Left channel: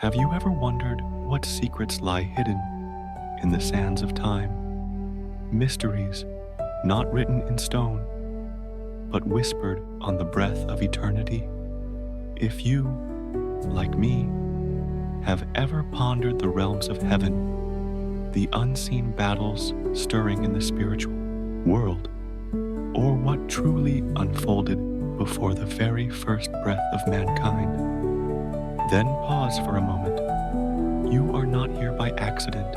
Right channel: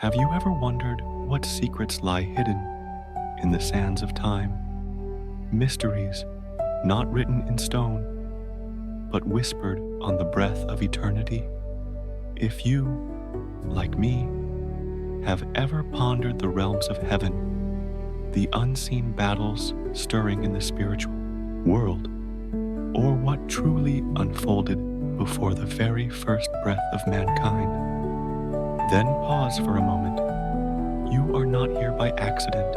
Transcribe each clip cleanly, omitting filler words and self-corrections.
Have you ever wondered what secrets lie hidden in the sands of time? Mysteries not written in stone, but whispered on the breath of eternity? If you, like me, have ever pondered the realms of heaven, the unseen battles stirring in the spiritual world, or what truly unfolded before the very first breath of mankind, then pause for a moment. You are not here by accident.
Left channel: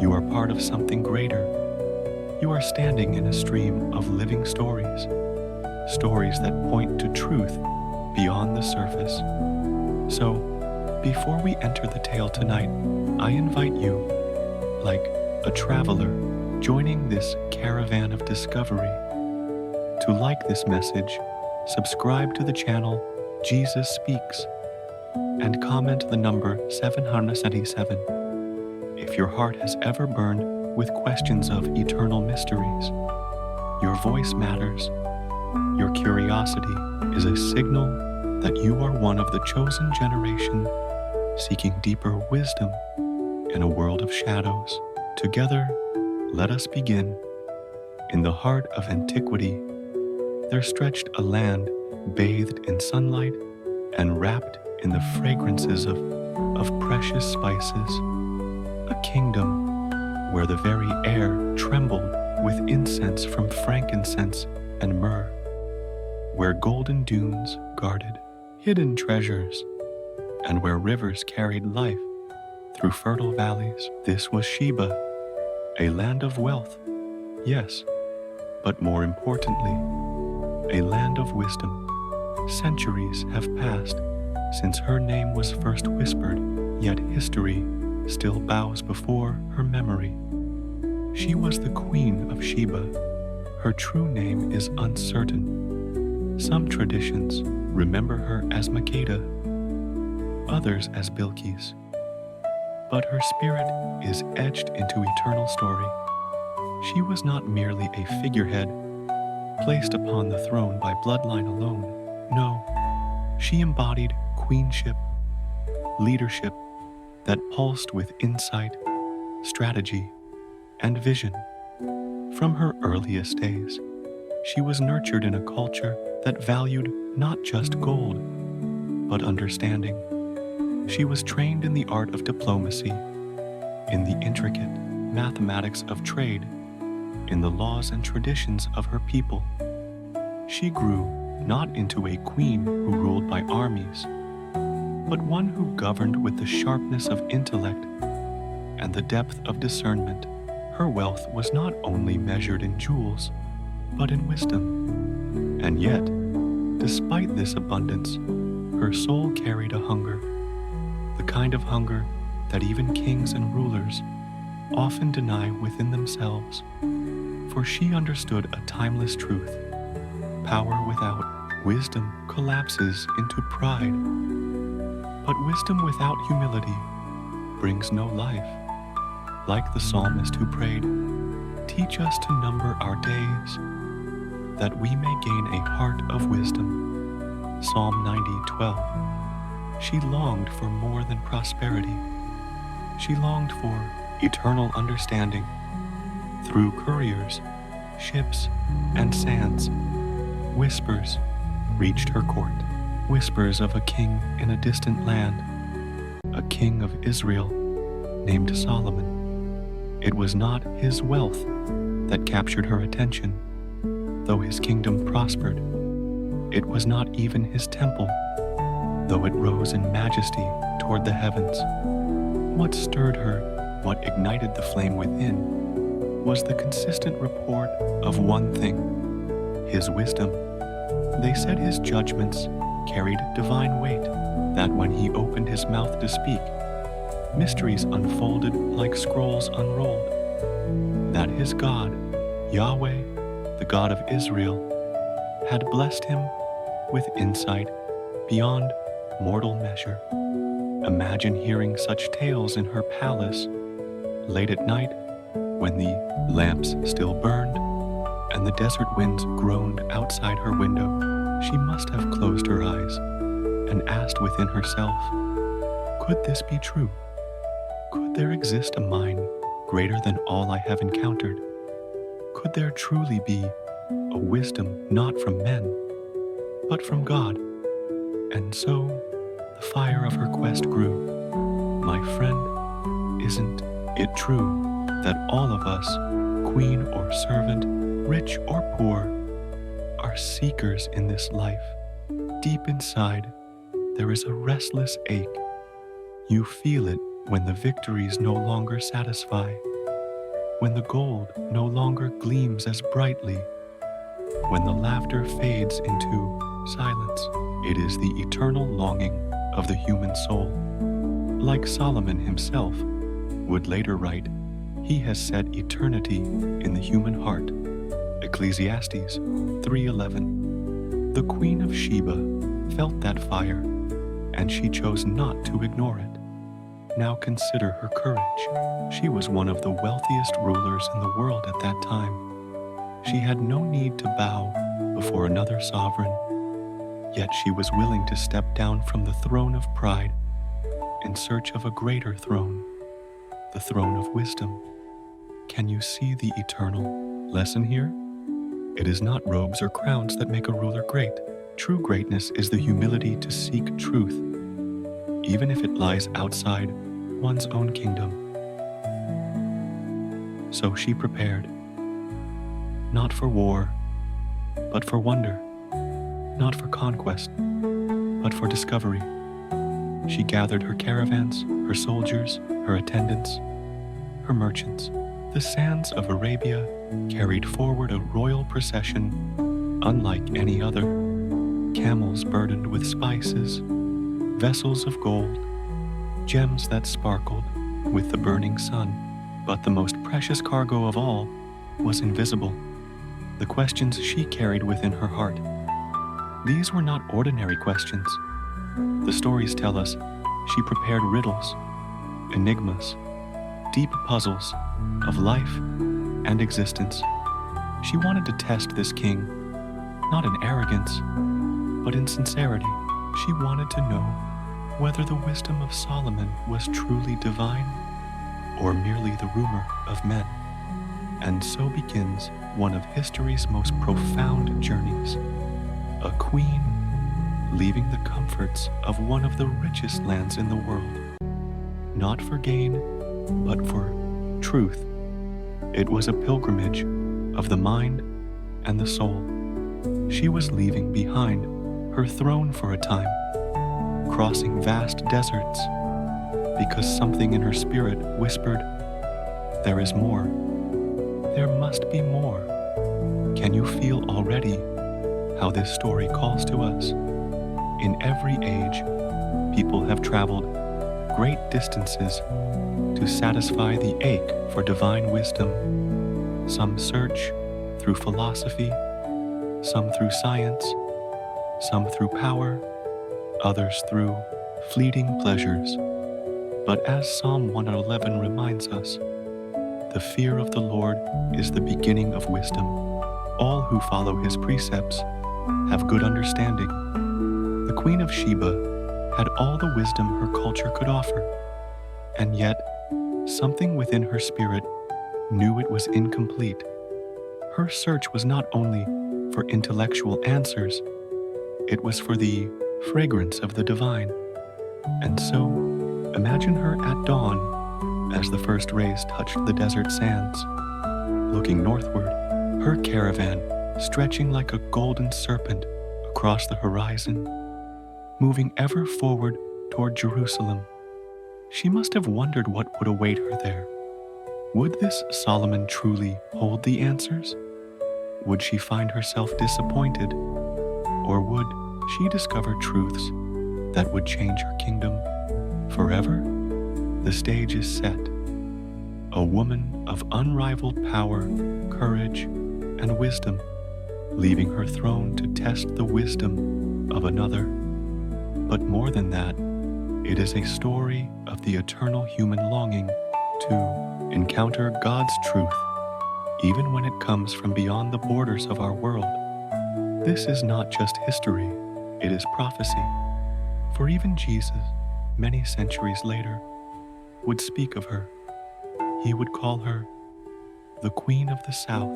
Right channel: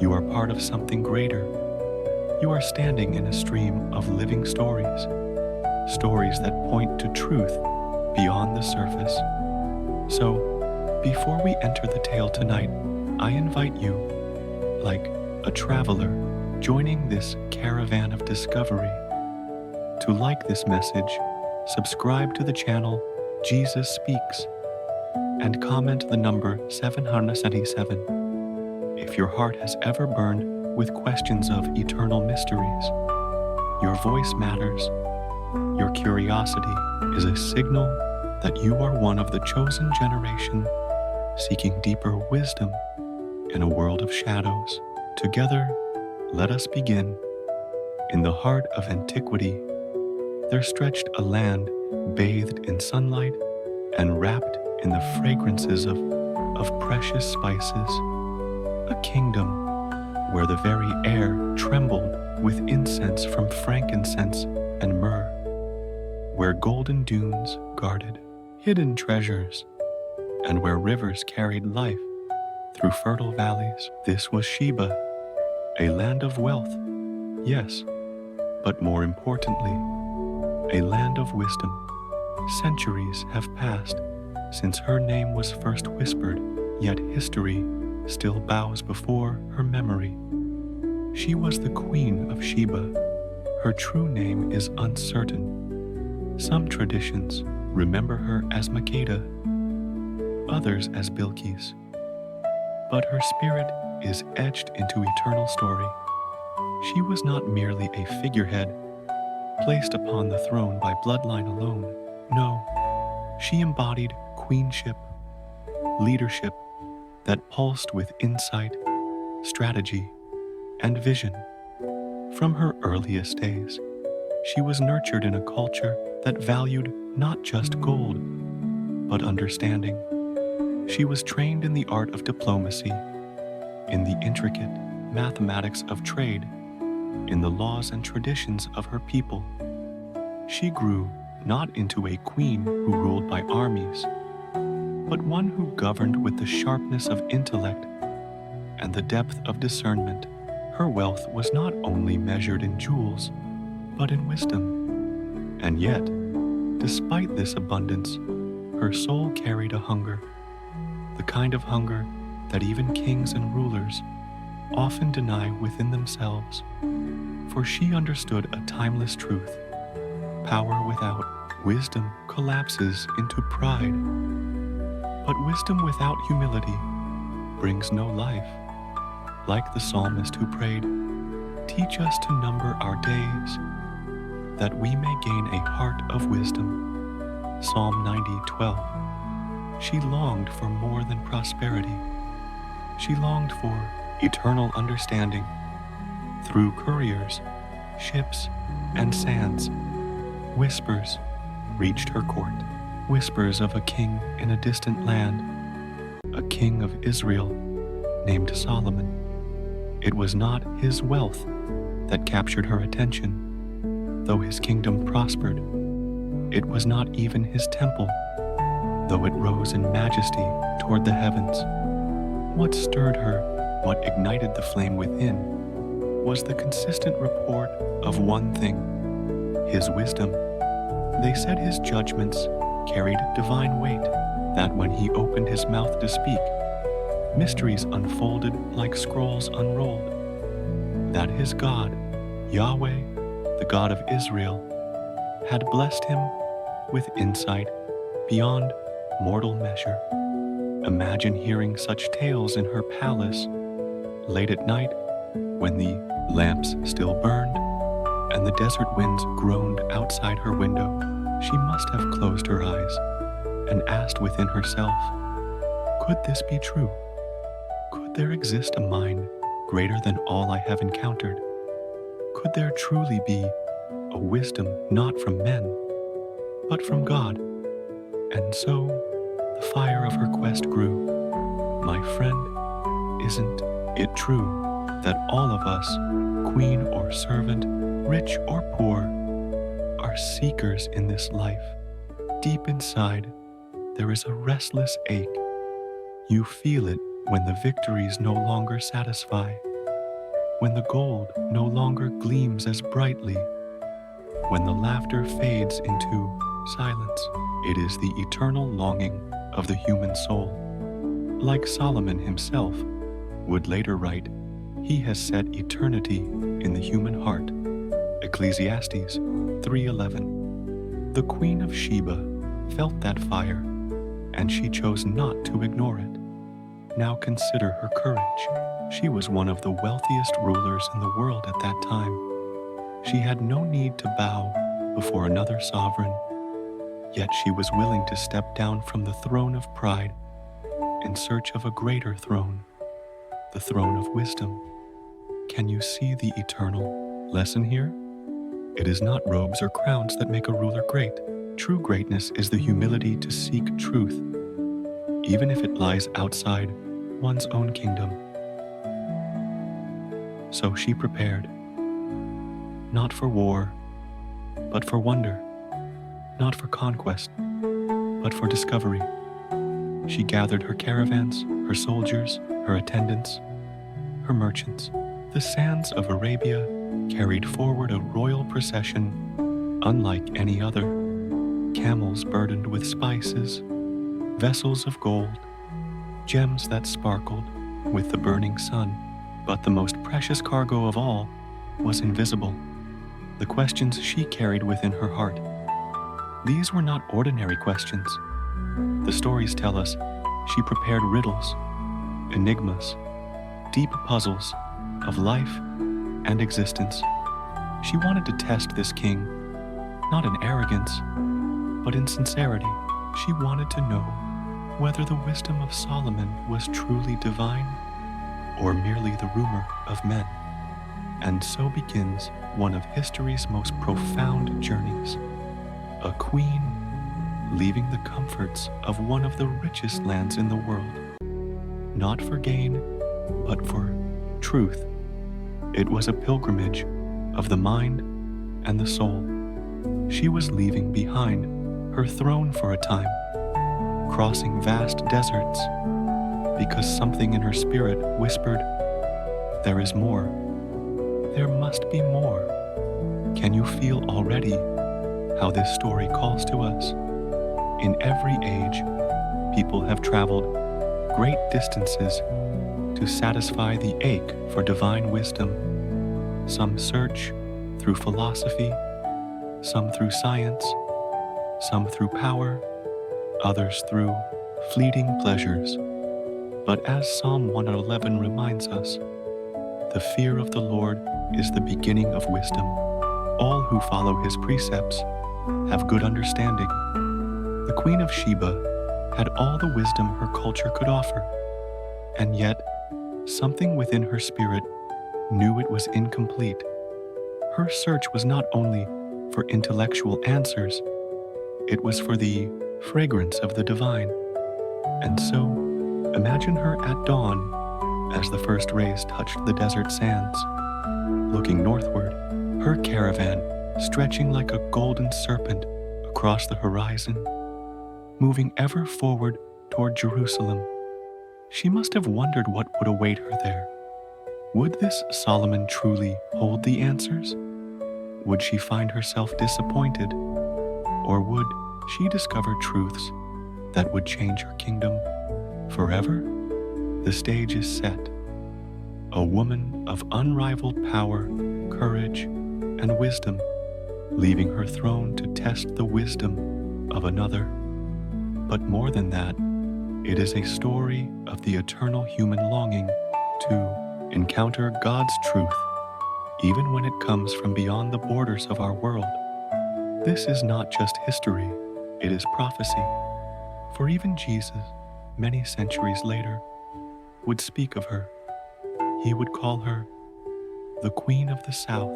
You are part of something greater. You are standing in a stream of living stories, stories that point to truth beyond the surface. So, before we enter the tale tonight, I invite you, like a traveler joining this caravan of discovery, to like this message, subscribe to the channel Jesus Speaks, and comment the number 777 if your heart has ever burned with questions of eternal mysteries. Your voice matters. Your curiosity is a signal that you are one of the chosen generation seeking deeper wisdom in a world of shadows. Together, let us begin. In the heart of antiquity, there stretched a land bathed in sunlight and wrapped in the fragrances of precious spices, a kingdom where the very air trembled with incense from frankincense and myrrh, where golden dunes guarded hidden treasures, and where rivers carried life through fertile valleys. This was Sheba, a land of wealth, yes, but more importantly, a land of wisdom. Centuries have passed since her name was first whispered, yet history still bows before her memory. She was the Queen of Sheba. Her true name is uncertain. Some traditions remember her as Makeda, others as Bilqis, but her spirit is etched into eternal story. She was not merely a figurehead placed upon the throne by bloodline alone. No, she embodied queenship, leadership that pulsed with insight, strategy, and vision. From her earliest days, she was nurtured in a culture that valued not just gold, but understanding. She was trained in the art of diplomacy, in the intricate mathematics of trade, in the laws and traditions of her people. She grew not into a queen who ruled by armies, but one who governed with the sharpness of intellect and the depth of discernment. Her wealth was not only measured in jewels, but in wisdom. And yet, despite this abundance, her soul carried a hunger, the kind of hunger that even kings and rulers often deny within themselves. For she understood a timeless truth: power without wisdom collapses into pride. But wisdom without humility brings no life. Like the psalmist who prayed, "Teach us to number our days, that we may gain a heart of wisdom." Psalm 90:12. She longed for more than prosperity. She longed for eternal understanding. Through couriers, ships, and sands, whispers reached her court. Whispers of a king in a distant land, a king of Israel named Solomon. It was not his wealth that captured her attention, though his kingdom prospered. It was not even his temple, though it rose in majesty toward the heavens. What stirred her, what ignited the flame within, was the consistent report of one thing: his wisdom. They said his judgments carried divine weight, that when he opened his mouth to speak, mysteries unfolded like scrolls unrolled, that his God, Yahweh, the God of Israel, had blessed him with insight beyond mortal measure. Imagine hearing such tales in her palace, late at night, when the lamps still burned and the desert winds groaned outside her window. She must have closed her eyes and asked within herself, Could this be true? Could there exist a mind greater than all I have encountered? Could there truly be a wisdom not from men, but from God? And so the fire of her quest grew. My friend, isn't it true that all of us, queen or servant, rich or poor, are seekers in this life? Deep inside, there is a restless ache. You feel it when the victories no longer satisfy, when the gold no longer gleams as brightly, when the laughter fades into silence. It is the eternal longing of the human soul. Like Solomon himself would later write, he has set eternity in the human heart. Ecclesiastes 3:11. The Queen of Sheba felt that fire, and she chose not to ignore it. Now consider her courage. She was one of the wealthiest rulers in the world at that time. She had no need to bow before another sovereign, yet she was willing to step down from the throne of pride in search of a greater throne, the throne of wisdom. Can you see the eternal lesson here? It is not robes or crowns that make a ruler great. True greatness is the humility to seek truth, even if it lies outside one's own kingdom. So she prepared, not for war, but for wonder, not for conquest, but for discovery. She gathered her caravans, her soldiers, her attendants, her merchants. The sands of Arabia carried forward a royal procession unlike any other. Camels burdened with spices, vessels of gold, gems that sparkled with the burning sun. But the most precious cargo of all was invisible, the questions she carried within her heart. These were not ordinary questions. The stories tell us she prepared riddles, enigmas, deep puzzles of life and existence. She wanted to test this king, not in arrogance, but in sincerity. She wanted to know whether the wisdom of Solomon was truly divine or merely the rumor of men. And so begins one of history's most profound journeys. A queen leaving the comforts of one of the richest lands in the world, not for gain, but for truth. It was a pilgrimage of the mind and the soul. She was leaving behind her throne for a time, crossing vast deserts, because something in her spirit whispered, there is more. There must be more. Can you feel already how this story calls to us? In every age, people have traveled great distances to satisfy the ache for divine wisdom. Some search through philosophy, some through science, some through power, others through fleeting pleasures. But as Psalm 111 reminds us, the fear of the Lord is the beginning of wisdom. All who follow his precepts have good understanding. The Queen of Sheba had all the wisdom her culture could offer, and yet something within her spirit knew it was incomplete. Her search was not only for intellectual answers, it was for the fragrance of the divine. And so, imagine her at dawn as the first rays touched the desert sands. Looking northward, her caravan stretching like a golden serpent across the horizon, moving ever forward toward Jerusalem. She must have wondered what would await her there. Would this Solomon truly hold the answers? Would she find herself disappointed? Or would she discover truths that would change her kingdom forever? The stage is set. A woman of unrivaled power, courage, and wisdom, leaving her throne to test the wisdom of another. But more than that, it is a story of the eternal human longing to encounter God's truth, even when it comes from beyond the borders of our world. This is not just history, it is prophecy. For even Jesus, many centuries later, would speak of her. He would call her the Queen of the South,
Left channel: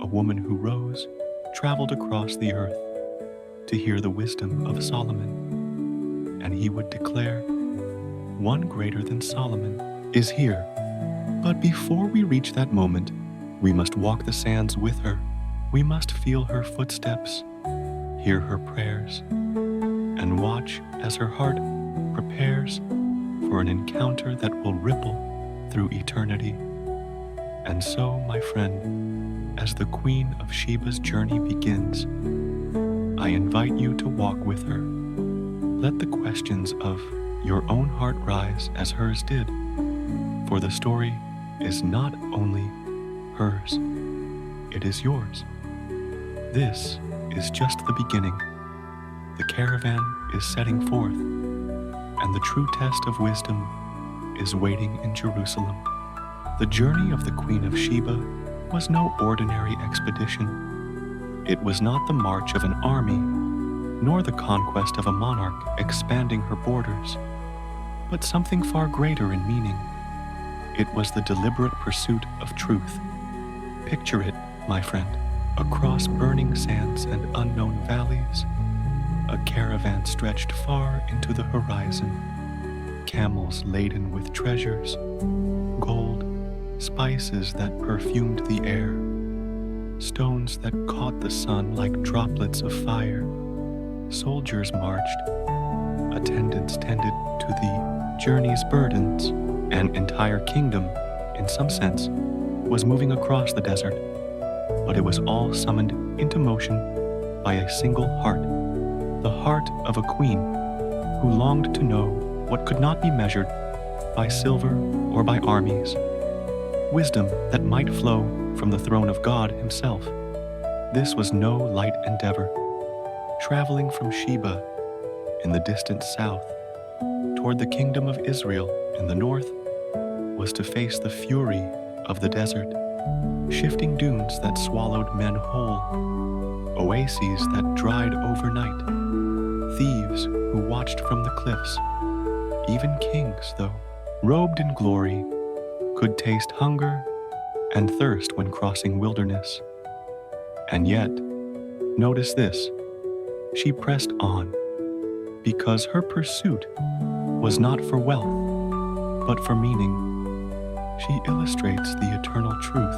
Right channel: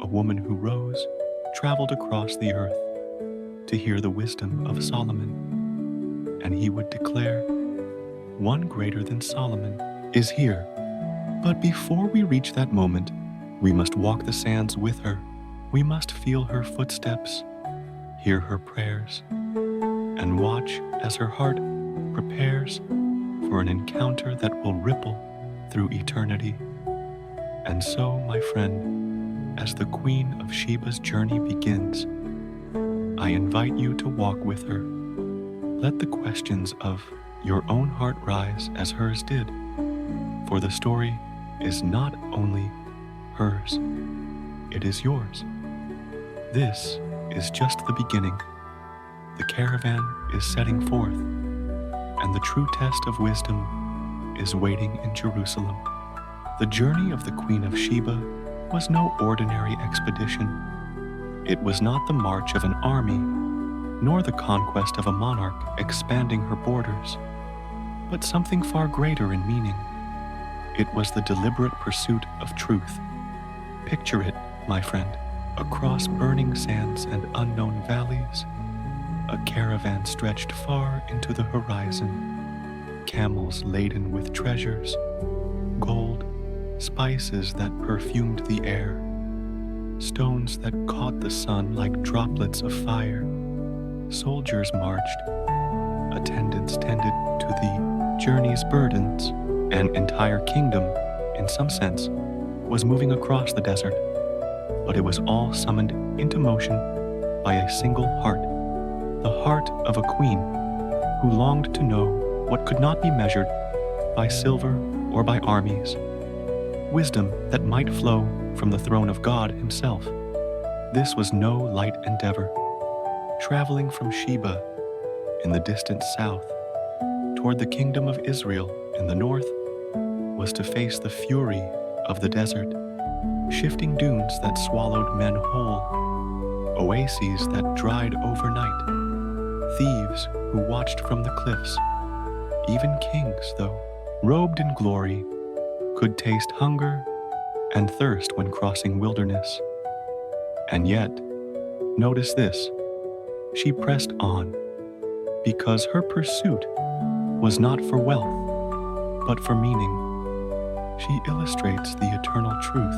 a woman who rose, traveled across the earth to hear the wisdom of Solomon. And he would declare, "One greater than Solomon is here." But before we reach that moment, we must walk the sands with her. We must feel her footsteps, hear her prayers, and watch as her heart prepares for an encounter that will ripple through eternity. And so, my friend, as the Queen of Sheba's journey begins, I invite you to walk with her. Let the questions of your own heart rise as hers did, for the story is not only hers, it is yours. This is just the beginning. The caravan is setting forth, and the true test of wisdom is waiting in Jerusalem. The journey of the Queen of Sheba was no ordinary expedition. It was not the march of an army, nor the conquest of a monarch expanding her borders, but something far greater in meaning. It was the deliberate pursuit of truth. Picture it, my friend, across burning sands and unknown valleys, a caravan stretched far into the horizon, camels laden with treasures, gold, spices that perfumed the air, stones that caught the sun like droplets of fire. Soldiers marched, attendants tended to the journey's burdens. An entire kingdom, in some sense, was moving across the desert, but it was all summoned into motion by a single heart, the heart of a queen who longed to know what could not be measured by silver or by armies, wisdom that might flow from the throne of God himself. This was no light endeavor. Traveling from Sheba in the distant south toward the kingdom of Israel in the north was to face the fury of the desert, shifting dunes that swallowed men whole, oases that dried overnight, thieves who watched from the cliffs. Even kings, though robed in glory, could taste hunger and thirst when crossing wilderness. And yet, notice this, she pressed on because her pursuit was not for wealth, but for meaning. She illustrates the eternal truth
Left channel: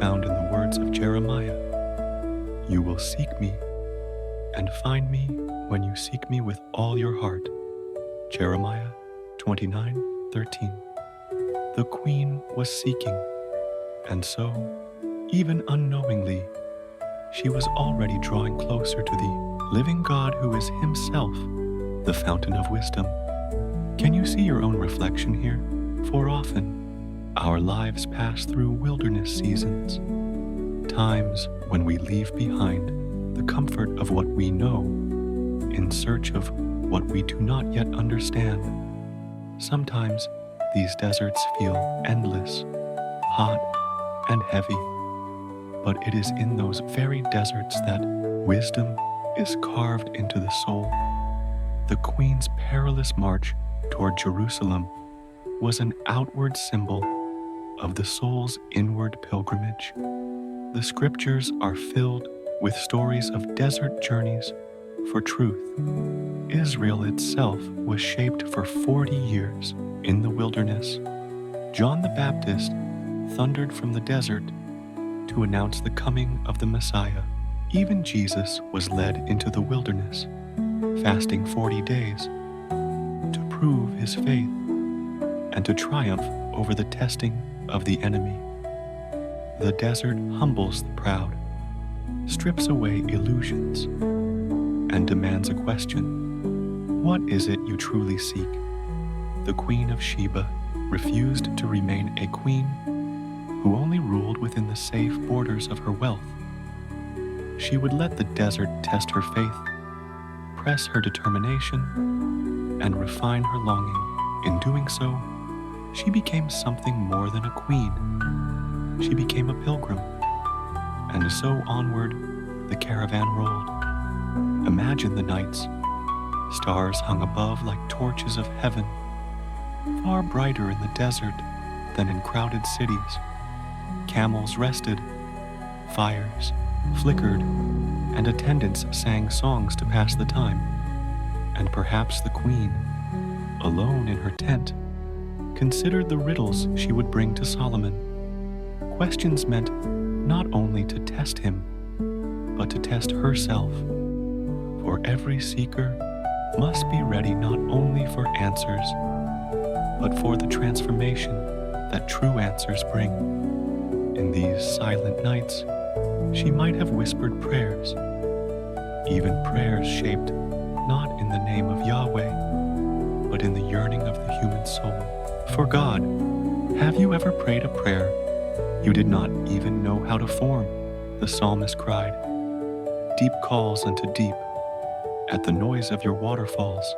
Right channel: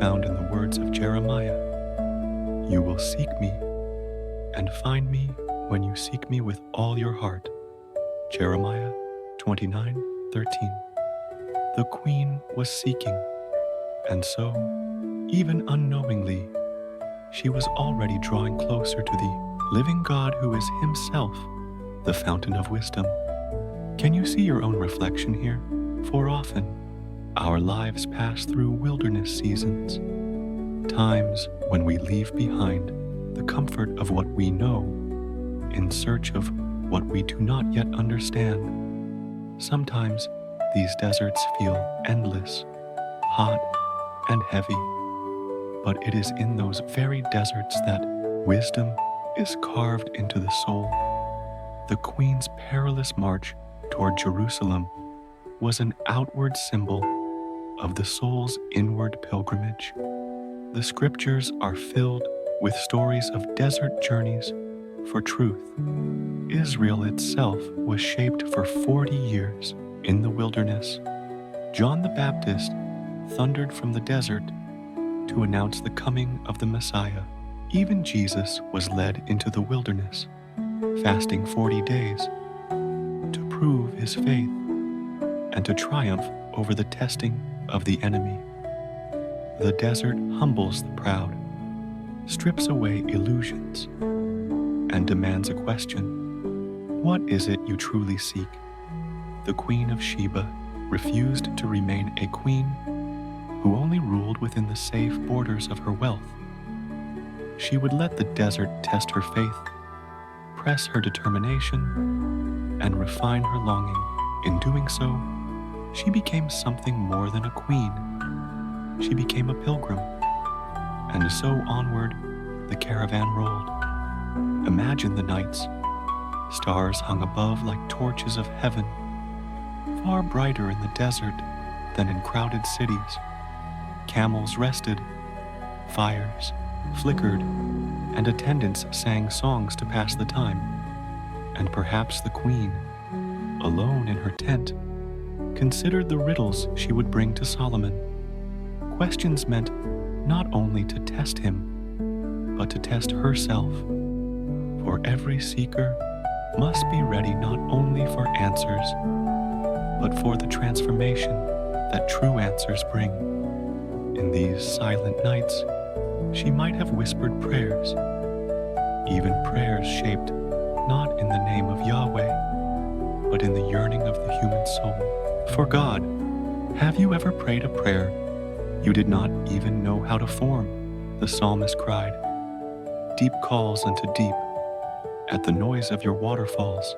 found in the words of Jeremiah. "You will seek me and find me when you seek me with all your heart." Jeremiah 29:13. The queen was seeking, and so, even unknowingly, she was already drawing closer to the living God who is himself the fountain of wisdom. Can you see your own reflection here? For often, our lives pass through wilderness seasons, times when we leave behind the comfort of what we know in search of what we do not yet understand. Sometimes these deserts feel endless, hot, and heavy, but it is in those very deserts that wisdom is carved into the soul. The Queen's perilous march toward Jerusalem was an outward symbol of the soul's inward pilgrimage. The scriptures are filled with stories of desert journeys for truth. Israel itself was shaped for 40 years in the wilderness. John the Baptist thundered from the desert to announce the coming of the Messiah. Even Jesus was led into the wilderness, fasting 40 days to prove his faith and to triumph over the testing of the enemy. The desert humbles the proud, strips away illusions, and demands a question. What is it you truly seek? The Queen of Sheba refused to remain a queen who only ruled within the safe borders of her wealth. She would let the desert test her faith, press her determination, and refine her longing. In doing so, she became something more than a queen. She became a pilgrim. And so onward, the caravan rolled. Imagine the nights, Stars hung above like torches of heaven, far brighter in the desert than in crowded cities. Camels rested, fires flickered, and attendants sang songs to pass the time. And perhaps the queen, alone in her tent, considered the riddles she would bring to Solomon. Questions meant not only to test him, but to test herself. For every seeker must be ready not only for answers, but for the transformation that true answers bring. In these silent nights, she might have whispered prayers, even prayers shaped not in the name of Yahweh, but in the yearning of the human soul. For God, have you ever prayed a prayer you did not even know how to form? The psalmist cried. Deep calls unto deep, at the noise of your waterfalls.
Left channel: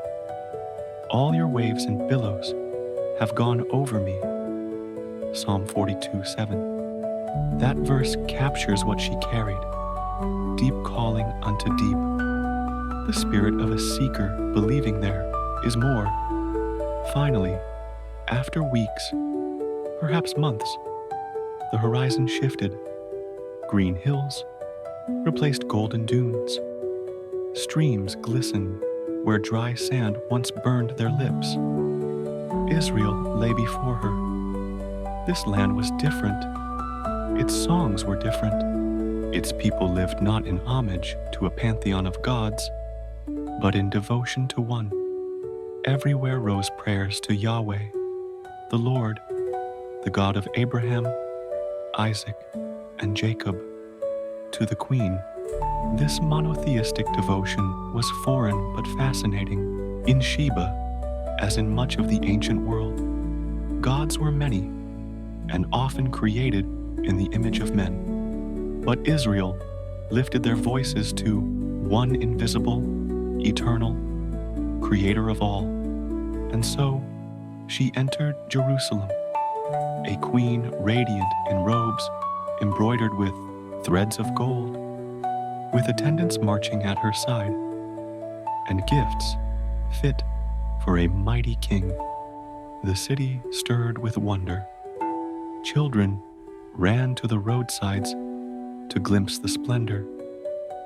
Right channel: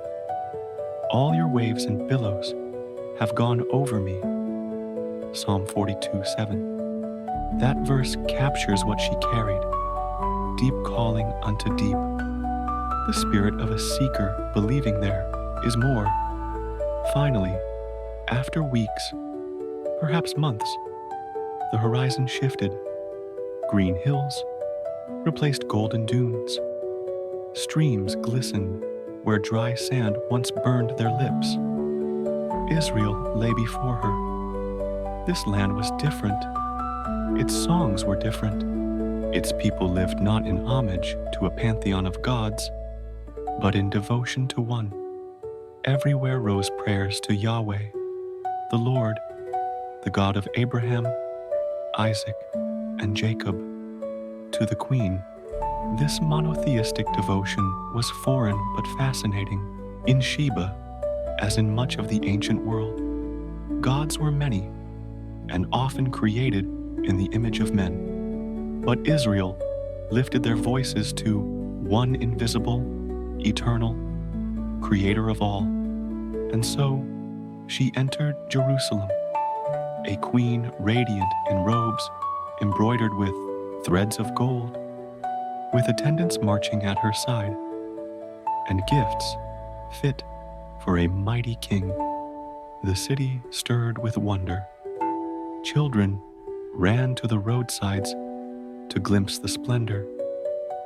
All your waves and billows have gone over me. Psalm 42:7. That verse captures what she carried. Deep calling unto deep. The spirit of a seeker believing there is more. Finally, after weeks, perhaps months, the horizon shifted. Green hills replaced golden dunes. Streams glistened where dry sand once burned their lips. Israel lay before her. This land was different. Its songs were different. Its people lived not in homage to a pantheon of gods, but in devotion to one. Everywhere rose prayers to Yahweh, the Lord, the God of Abraham, Isaac, and Jacob. To the queen, this monotheistic devotion was foreign but fascinating. In Sheba, as in much of the ancient world, gods were many and often created in the image of men. But Israel lifted their voices to one invisible, eternal, creator of all. And so she entered Jerusalem, a queen radiant in robes embroidered with threads of gold, with attendants marching at her side, and gifts fit for a mighty king. The city stirred with wonder. Children ran to the roadsides to glimpse the splendor.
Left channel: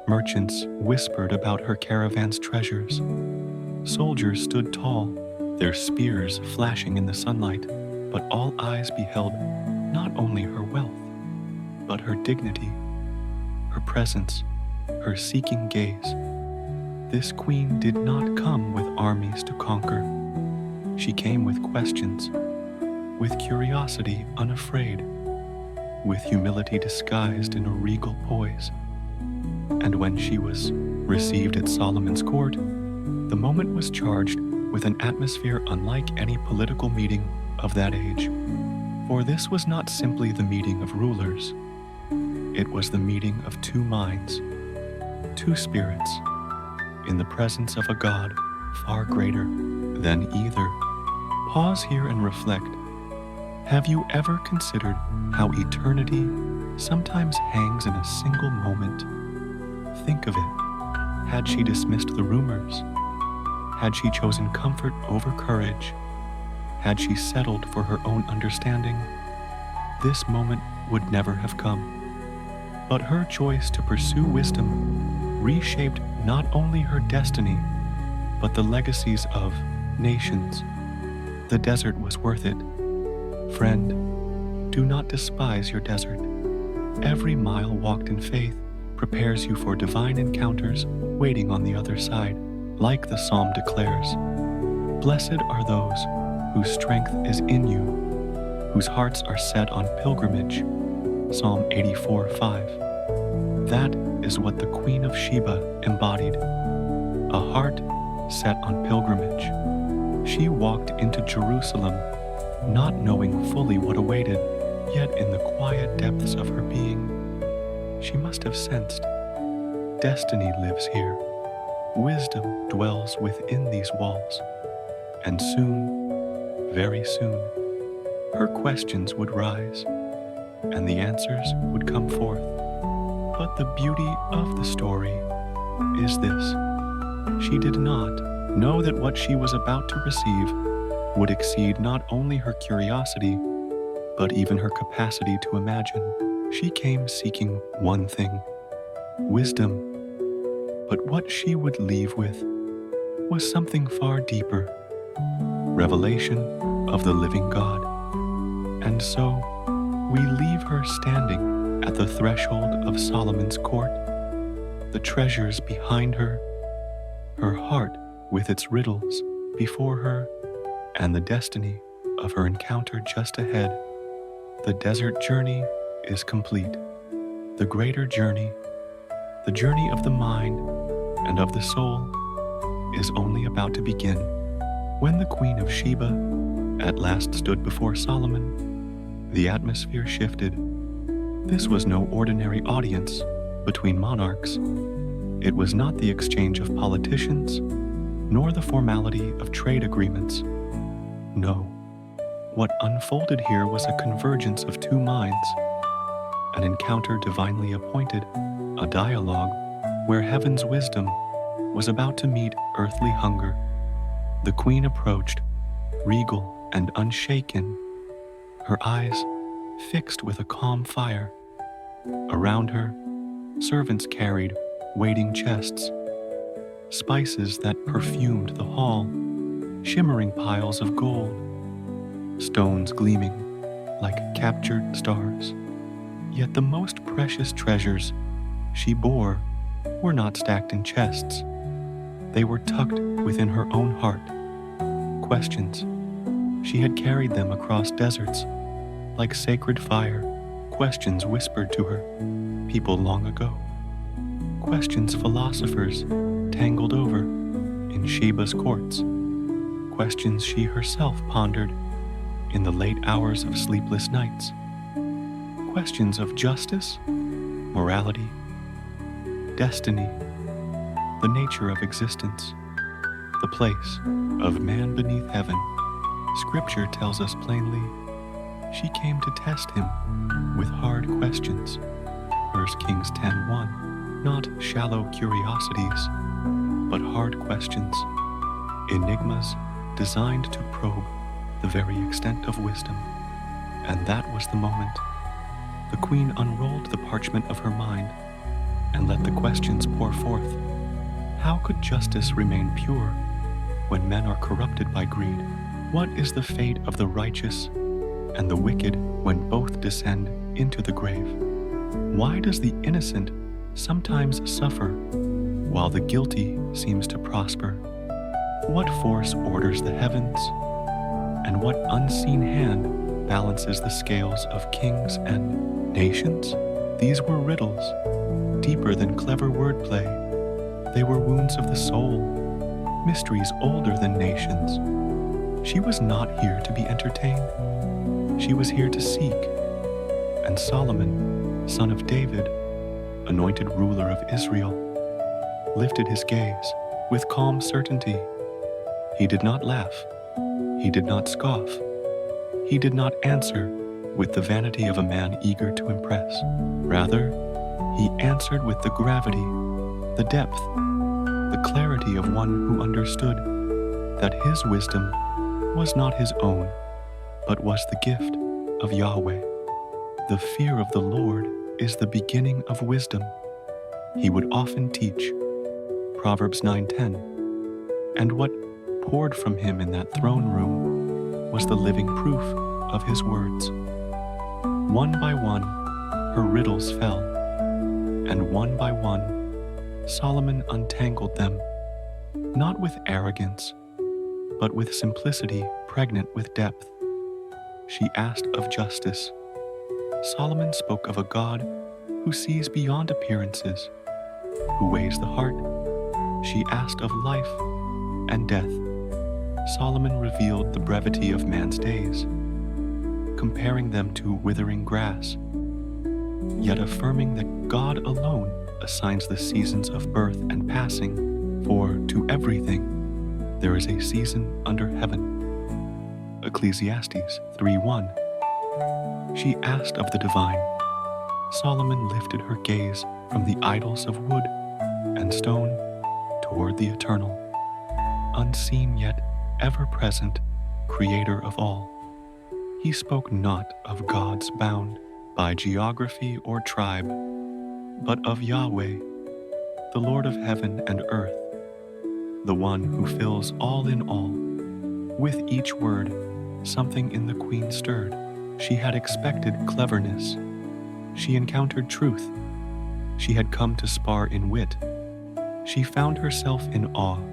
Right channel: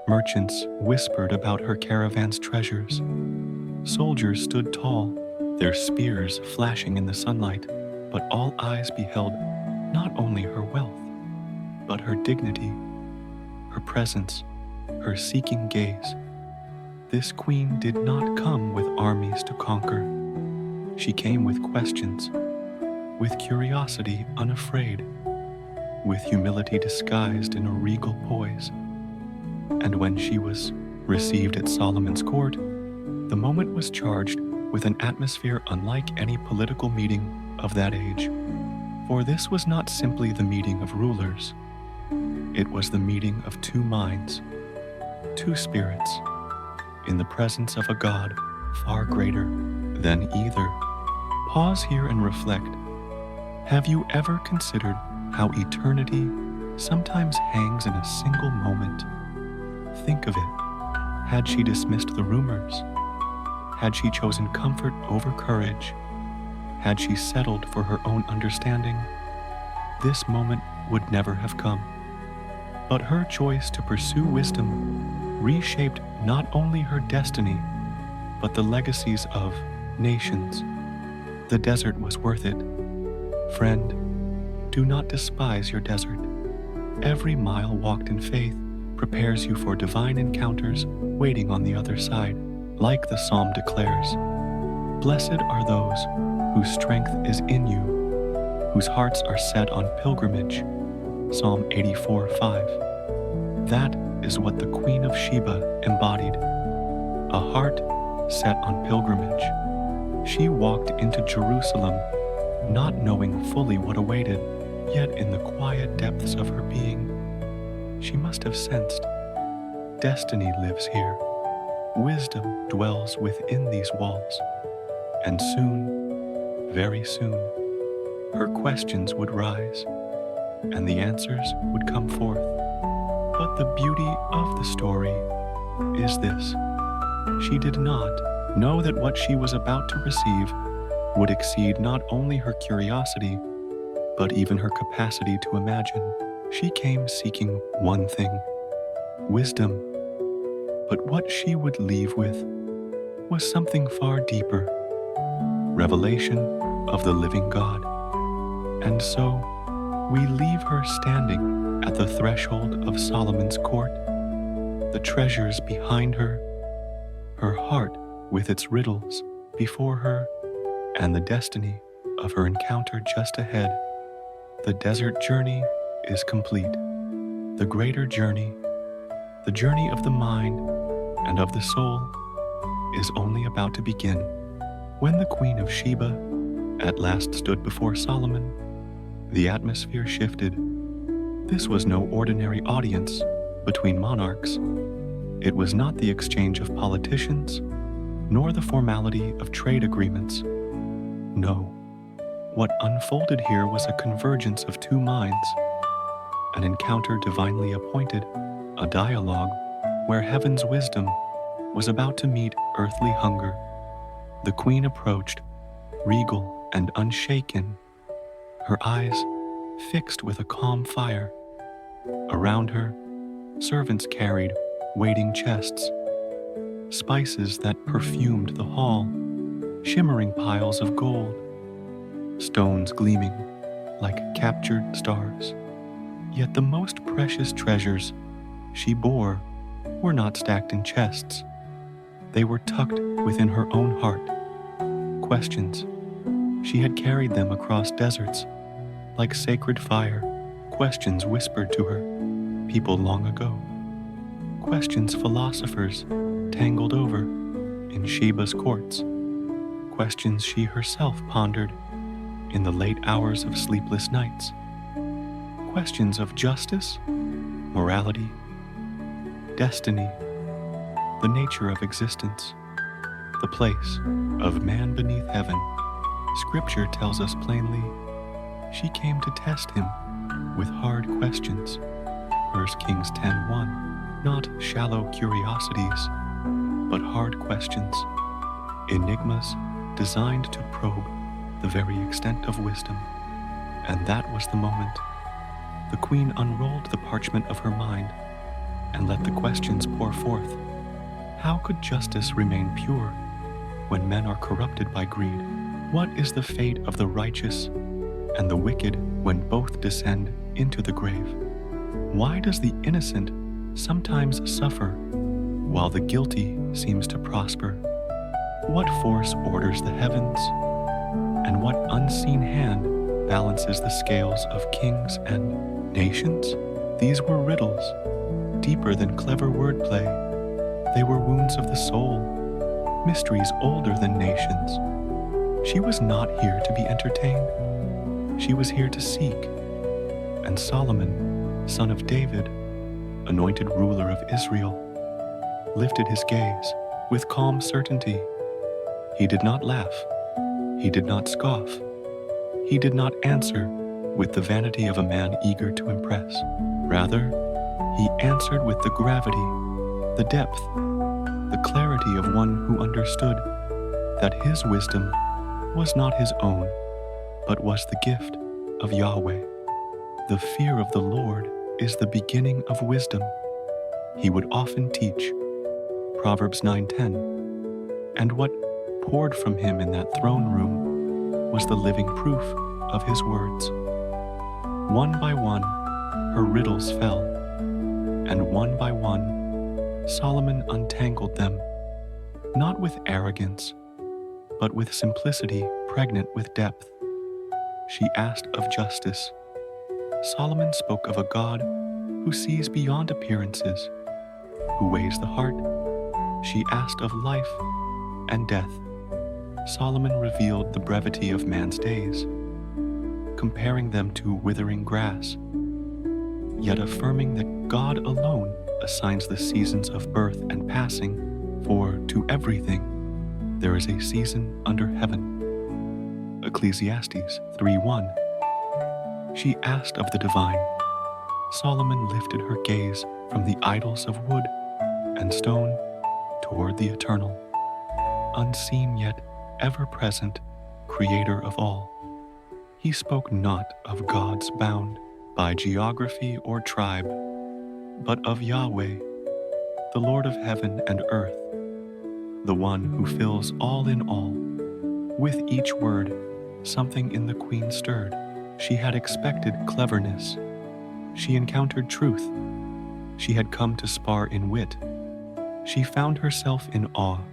Merchants whispered about her caravan's treasures. Soldiers stood tall, their spears flashing in the sunlight, but all eyes beheld not only her wealth, but her dignity, her presence, her seeking gaze. This queen did not come with armies to conquer. She came with questions, with curiosity unafraid, with humility disguised in a regal poise. And when she was received at Solomon's court, the moment was charged with an atmosphere unlike any political meeting of that age. For this was not simply the meeting of rulers. It was the meeting of two minds, two spirits, in the presence of a God far greater than either. Pause here and reflect. Have you ever considered how eternity sometimes hangs in a single moment? Think of it. Had she dismissed the rumors? Had she chosen comfort over courage? Had she settled for her own understanding? This moment would never have come. But her choice to pursue wisdom reshaped not only her destiny, but the legacies of nations. The desert was worth it. Friend, do not despise your desert. Every mile walked in faith prepares you for divine encounters waiting on the other side. Like the psalm declares, blessed are those whose strength is in you, whose hearts are set on pilgrimage. Psalm 84:5. That is what the Queen of Sheba embodied, a heart set on pilgrimage. She walked into Jerusalem not knowing fully what awaited, yet in the quiet depths of her being, she must have sensed, destiny lives here. Wisdom dwells within these walls, and soon, very soon, her questions would rise, and the answers would come forth. But the beauty of the story is this: she did not Know that what she was about to receive would exceed not only her curiosity, but even her capacity to imagine. She came seeking one thing: wisdom. But what she would leave with was something far deeper: revelation of the living God. And so, we leave her standing at the threshold of Solomon's court, the treasures behind her, her heart with its riddles before her, and the destiny of her encounter just ahead. The desert journey is complete. The greater journey, the journey of the mind and of the soul, is only about to begin. When the Queen of Sheba at last stood before Solomon, the atmosphere shifted. This was no ordinary audience between monarchs. It was not the exchange of politicians, nor the formality of trade agreements. No, what unfolded here was a convergence of two minds, an encounter divinely appointed, a dialogue where heaven's wisdom was about to meet earthly hunger. The queen approached, regal and unshaken, her eyes fixed with a calm fire. Around her, servants carried waiting chests, spices that perfumed the hall, shimmering piles of gold, stones gleaming like captured stars. Yet the most precious treasures she bore were not stacked in chests. They were tucked within her own heart. Questions. She had carried them across deserts like sacred fire, questions whispered to her people long ago, questions philosophers tangled over in Sheba's courts, questions she herself pondered in the late hours of sleepless nights, questions of justice, morality, destiny, the nature of existence, the place of man beneath heaven. Scripture tells us plainly, she came to test him with hard questions. 1 Kings 10:1. Not shallow curiosities, but hard questions, enigmas designed to probe the very extent of wisdom. And that was the moment. The queen unrolled the parchment of her mind and let the questions pour forth. How could justice remain pure when men are corrupted by greed? What is the fate of the righteous and the wicked when both descend into the grave? Why does the innocent sometimes suffer while the guilty seems to prosper? What force orders the heavens, and what unseen hand balances the scales of kings and nations? These were riddles, deeper than clever wordplay. They were wounds of the soul, mysteries older than nations. She was not here to be entertained. She was here to seek. And Solomon, son of David, anointed ruler of Israel, lifted his gaze with calm certainty. He did not laugh. He did not scoff. He did not answer with the vanity of a man eager to impress. Rather, he answered with the gravity, the depth, the clarity of one who understood that his wisdom was not his own, but was the gift of Yahweh. The fear of the Lord is the beginning of wisdom, he would often teach. Proverbs 9:10. And what poured from him in that throne room was the living proof of his words. One by one, her riddles fell, and one by one, Solomon untangled them, not with arrogance, but with simplicity pregnant with depth. She asked of justice. Solomon spoke of a God who sees beyond appearances, who weighs the heart. She asked of life and death. Solomon revealed the brevity of man's days, comparing them to withering grass, yet affirming that God alone assigns the seasons of birth and passing, for to everything there is a season under heaven. Ecclesiastes 3:1. She asked of the divine. Solomon lifted her gaze from the idols of wood and stone toward the eternal. unseen yet ever-present Creator of all. He spoke not of gods bound by geography or tribe, but of Yahweh, the Lord of heaven and earth, the one who fills all in all. With each word, something in the queen stirred. She had expected cleverness. She encountered truth. She had come to spar in wit. She found herself in awe.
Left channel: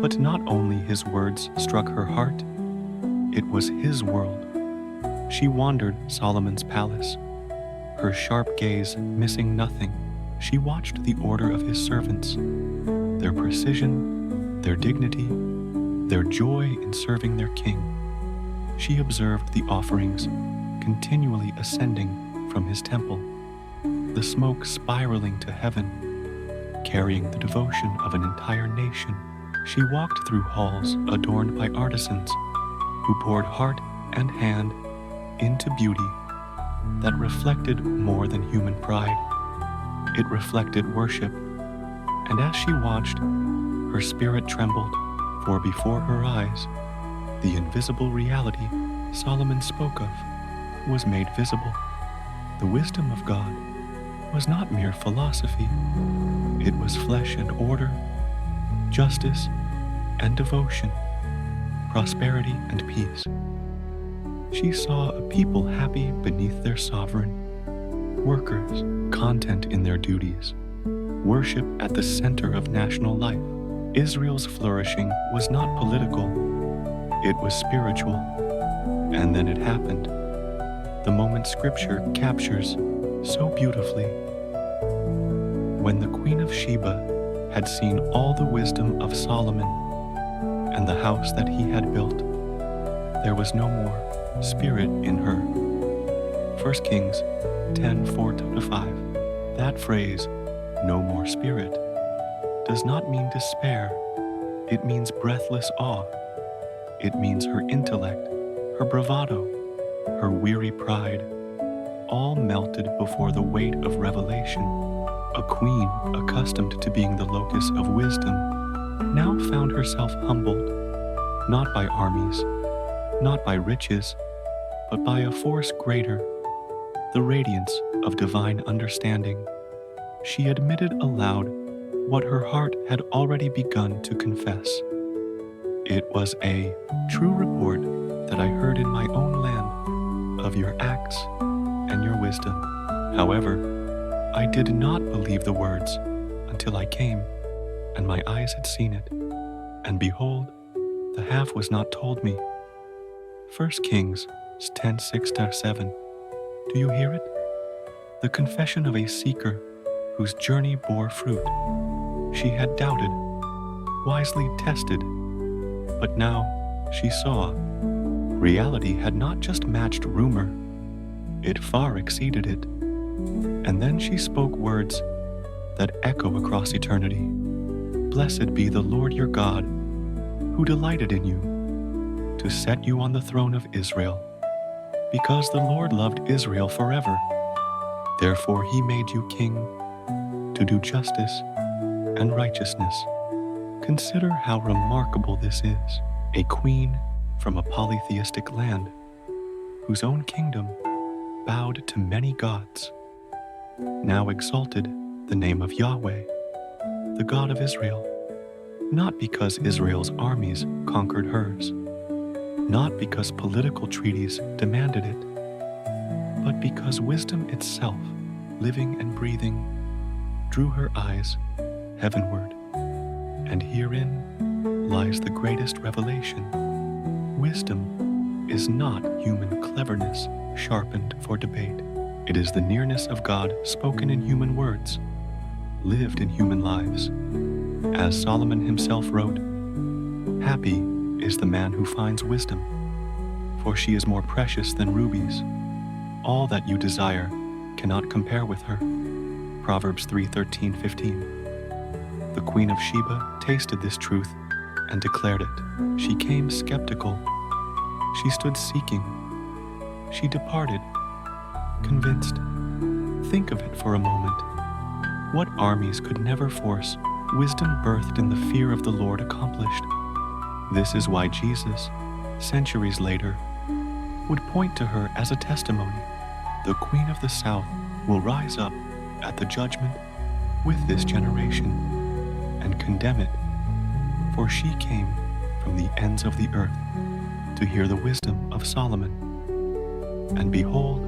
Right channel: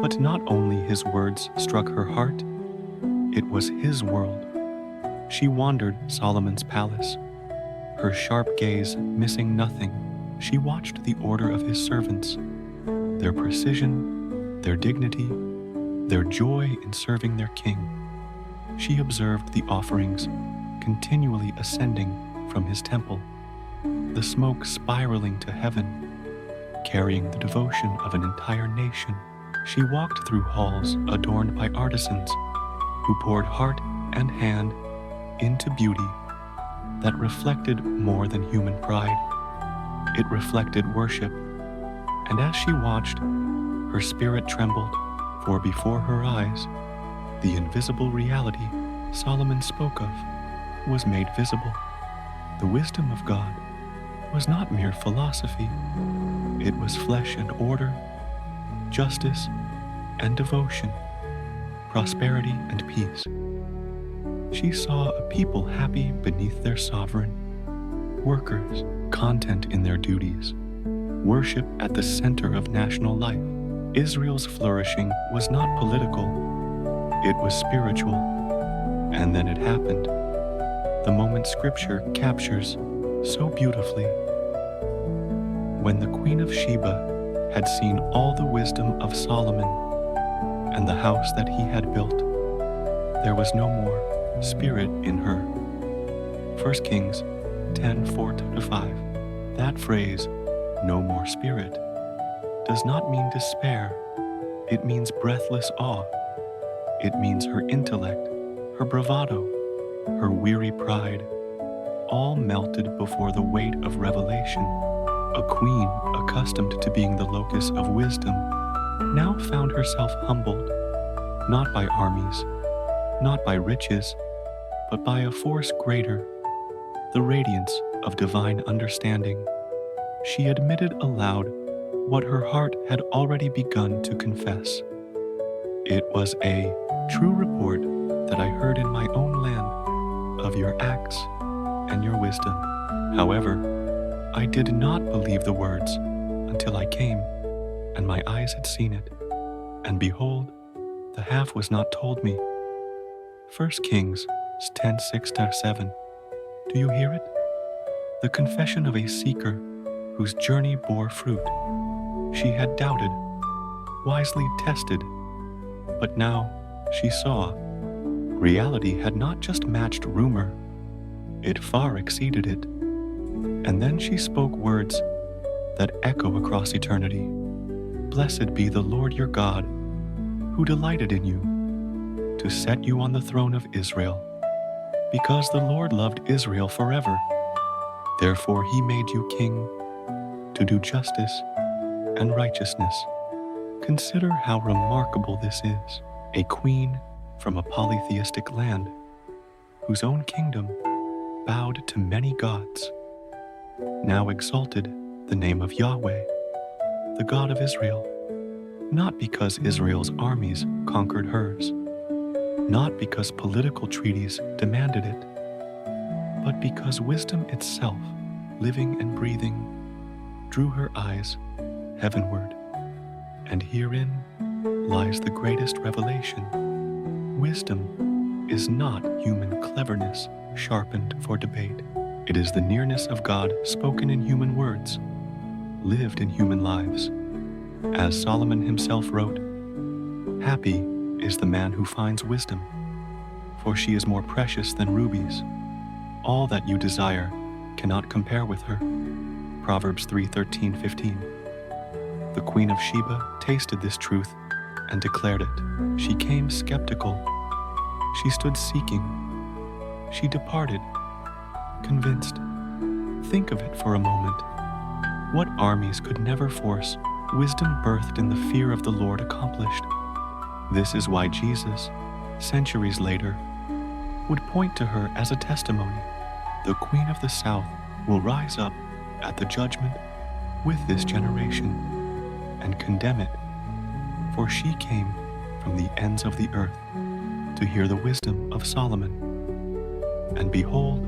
But not only his words struck her heart, it was his world. She wandered Solomon's palace, her sharp gaze missing nothing. She watched the order of his servants, their precision, their dignity, their joy in serving their king. She observed the offerings continually ascending from his temple, the smoke spiraling to heaven, carrying the devotion of an entire nation. She walked through halls adorned by artisans who poured heart and hand into beauty that reflected more than human pride. It reflected worship, and as she watched, her spirit trembled, for before her eyes, the invisible reality Solomon spoke of was made visible. The wisdom of God was not mere philosophy. It was flesh and order, justice and devotion, prosperity and peace. She saw a people happy beneath their sovereign, workers content in their duties, worship at the center of national life. Israel's flourishing was not political, it was spiritual. And then it happened, the moment Scripture captures so beautifully. When the Queen of Sheba had seen all the wisdom of Solomon and the house that he had built, there was no more spirit in her. 1 Kings 10:4-5. That phrase, no more spirit, does not mean despair. It means breathless awe. It means her intellect, her bravado, her weary pride, all melted before the weight of revelation. A queen accustomed to being the locus of wisdom now found herself humbled, not by armies, not by riches, but by a force greater, the radiance of divine understanding. She admitted aloud what her heart had already begun to confess. It was a true report that I heard in my own land of your acts and your wisdom. However, I did not believe the words until I came and my eyes had seen it. And behold, the half was not told me. 1 Kings 10:6-7. Do you hear it? The confession of a seeker whose journey bore fruit. She had doubted, wisely tested, but now she saw. Reality had not just matched rumor, it far exceeded it. And then she spoke words that echo across eternity. Blessed be the Lord your God, who delighted in you, to set you on the throne of Israel, because the Lord loved Israel forever. Therefore he made you king to do justice and righteousness. Consider how remarkable this is, a queen from a polytheistic land, whose own kingdom bowed to many gods, now exalted the name of Yahweh, the God of Israel, not because Israel's armies conquered hers, not because political treaties demanded it, but because wisdom itself, living and breathing, drew her eyes heavenward. And herein lies the greatest revelation. Wisdom is not human cleverness sharpened for debate. It is the nearness of God spoken in human words, lived in human lives. As Solomon himself wrote, "Happy is the man who finds wisdom, for she is more precious than rubies. All that you desire cannot compare with her." Proverbs 3:13-15. The Queen of Sheba tasted this truth and declared it. She came skeptical. She stood seeking. She departed, convinced. Think of it for a moment. What armies could never force wisdom birthed in the fear of the Lord accomplished? This is why Jesus, centuries later, would point to her as a testimony. The Queen of the South will rise up at the judgment with this generation and condemn it, for she came from the ends of the earth to hear the wisdom of Solomon. And behold,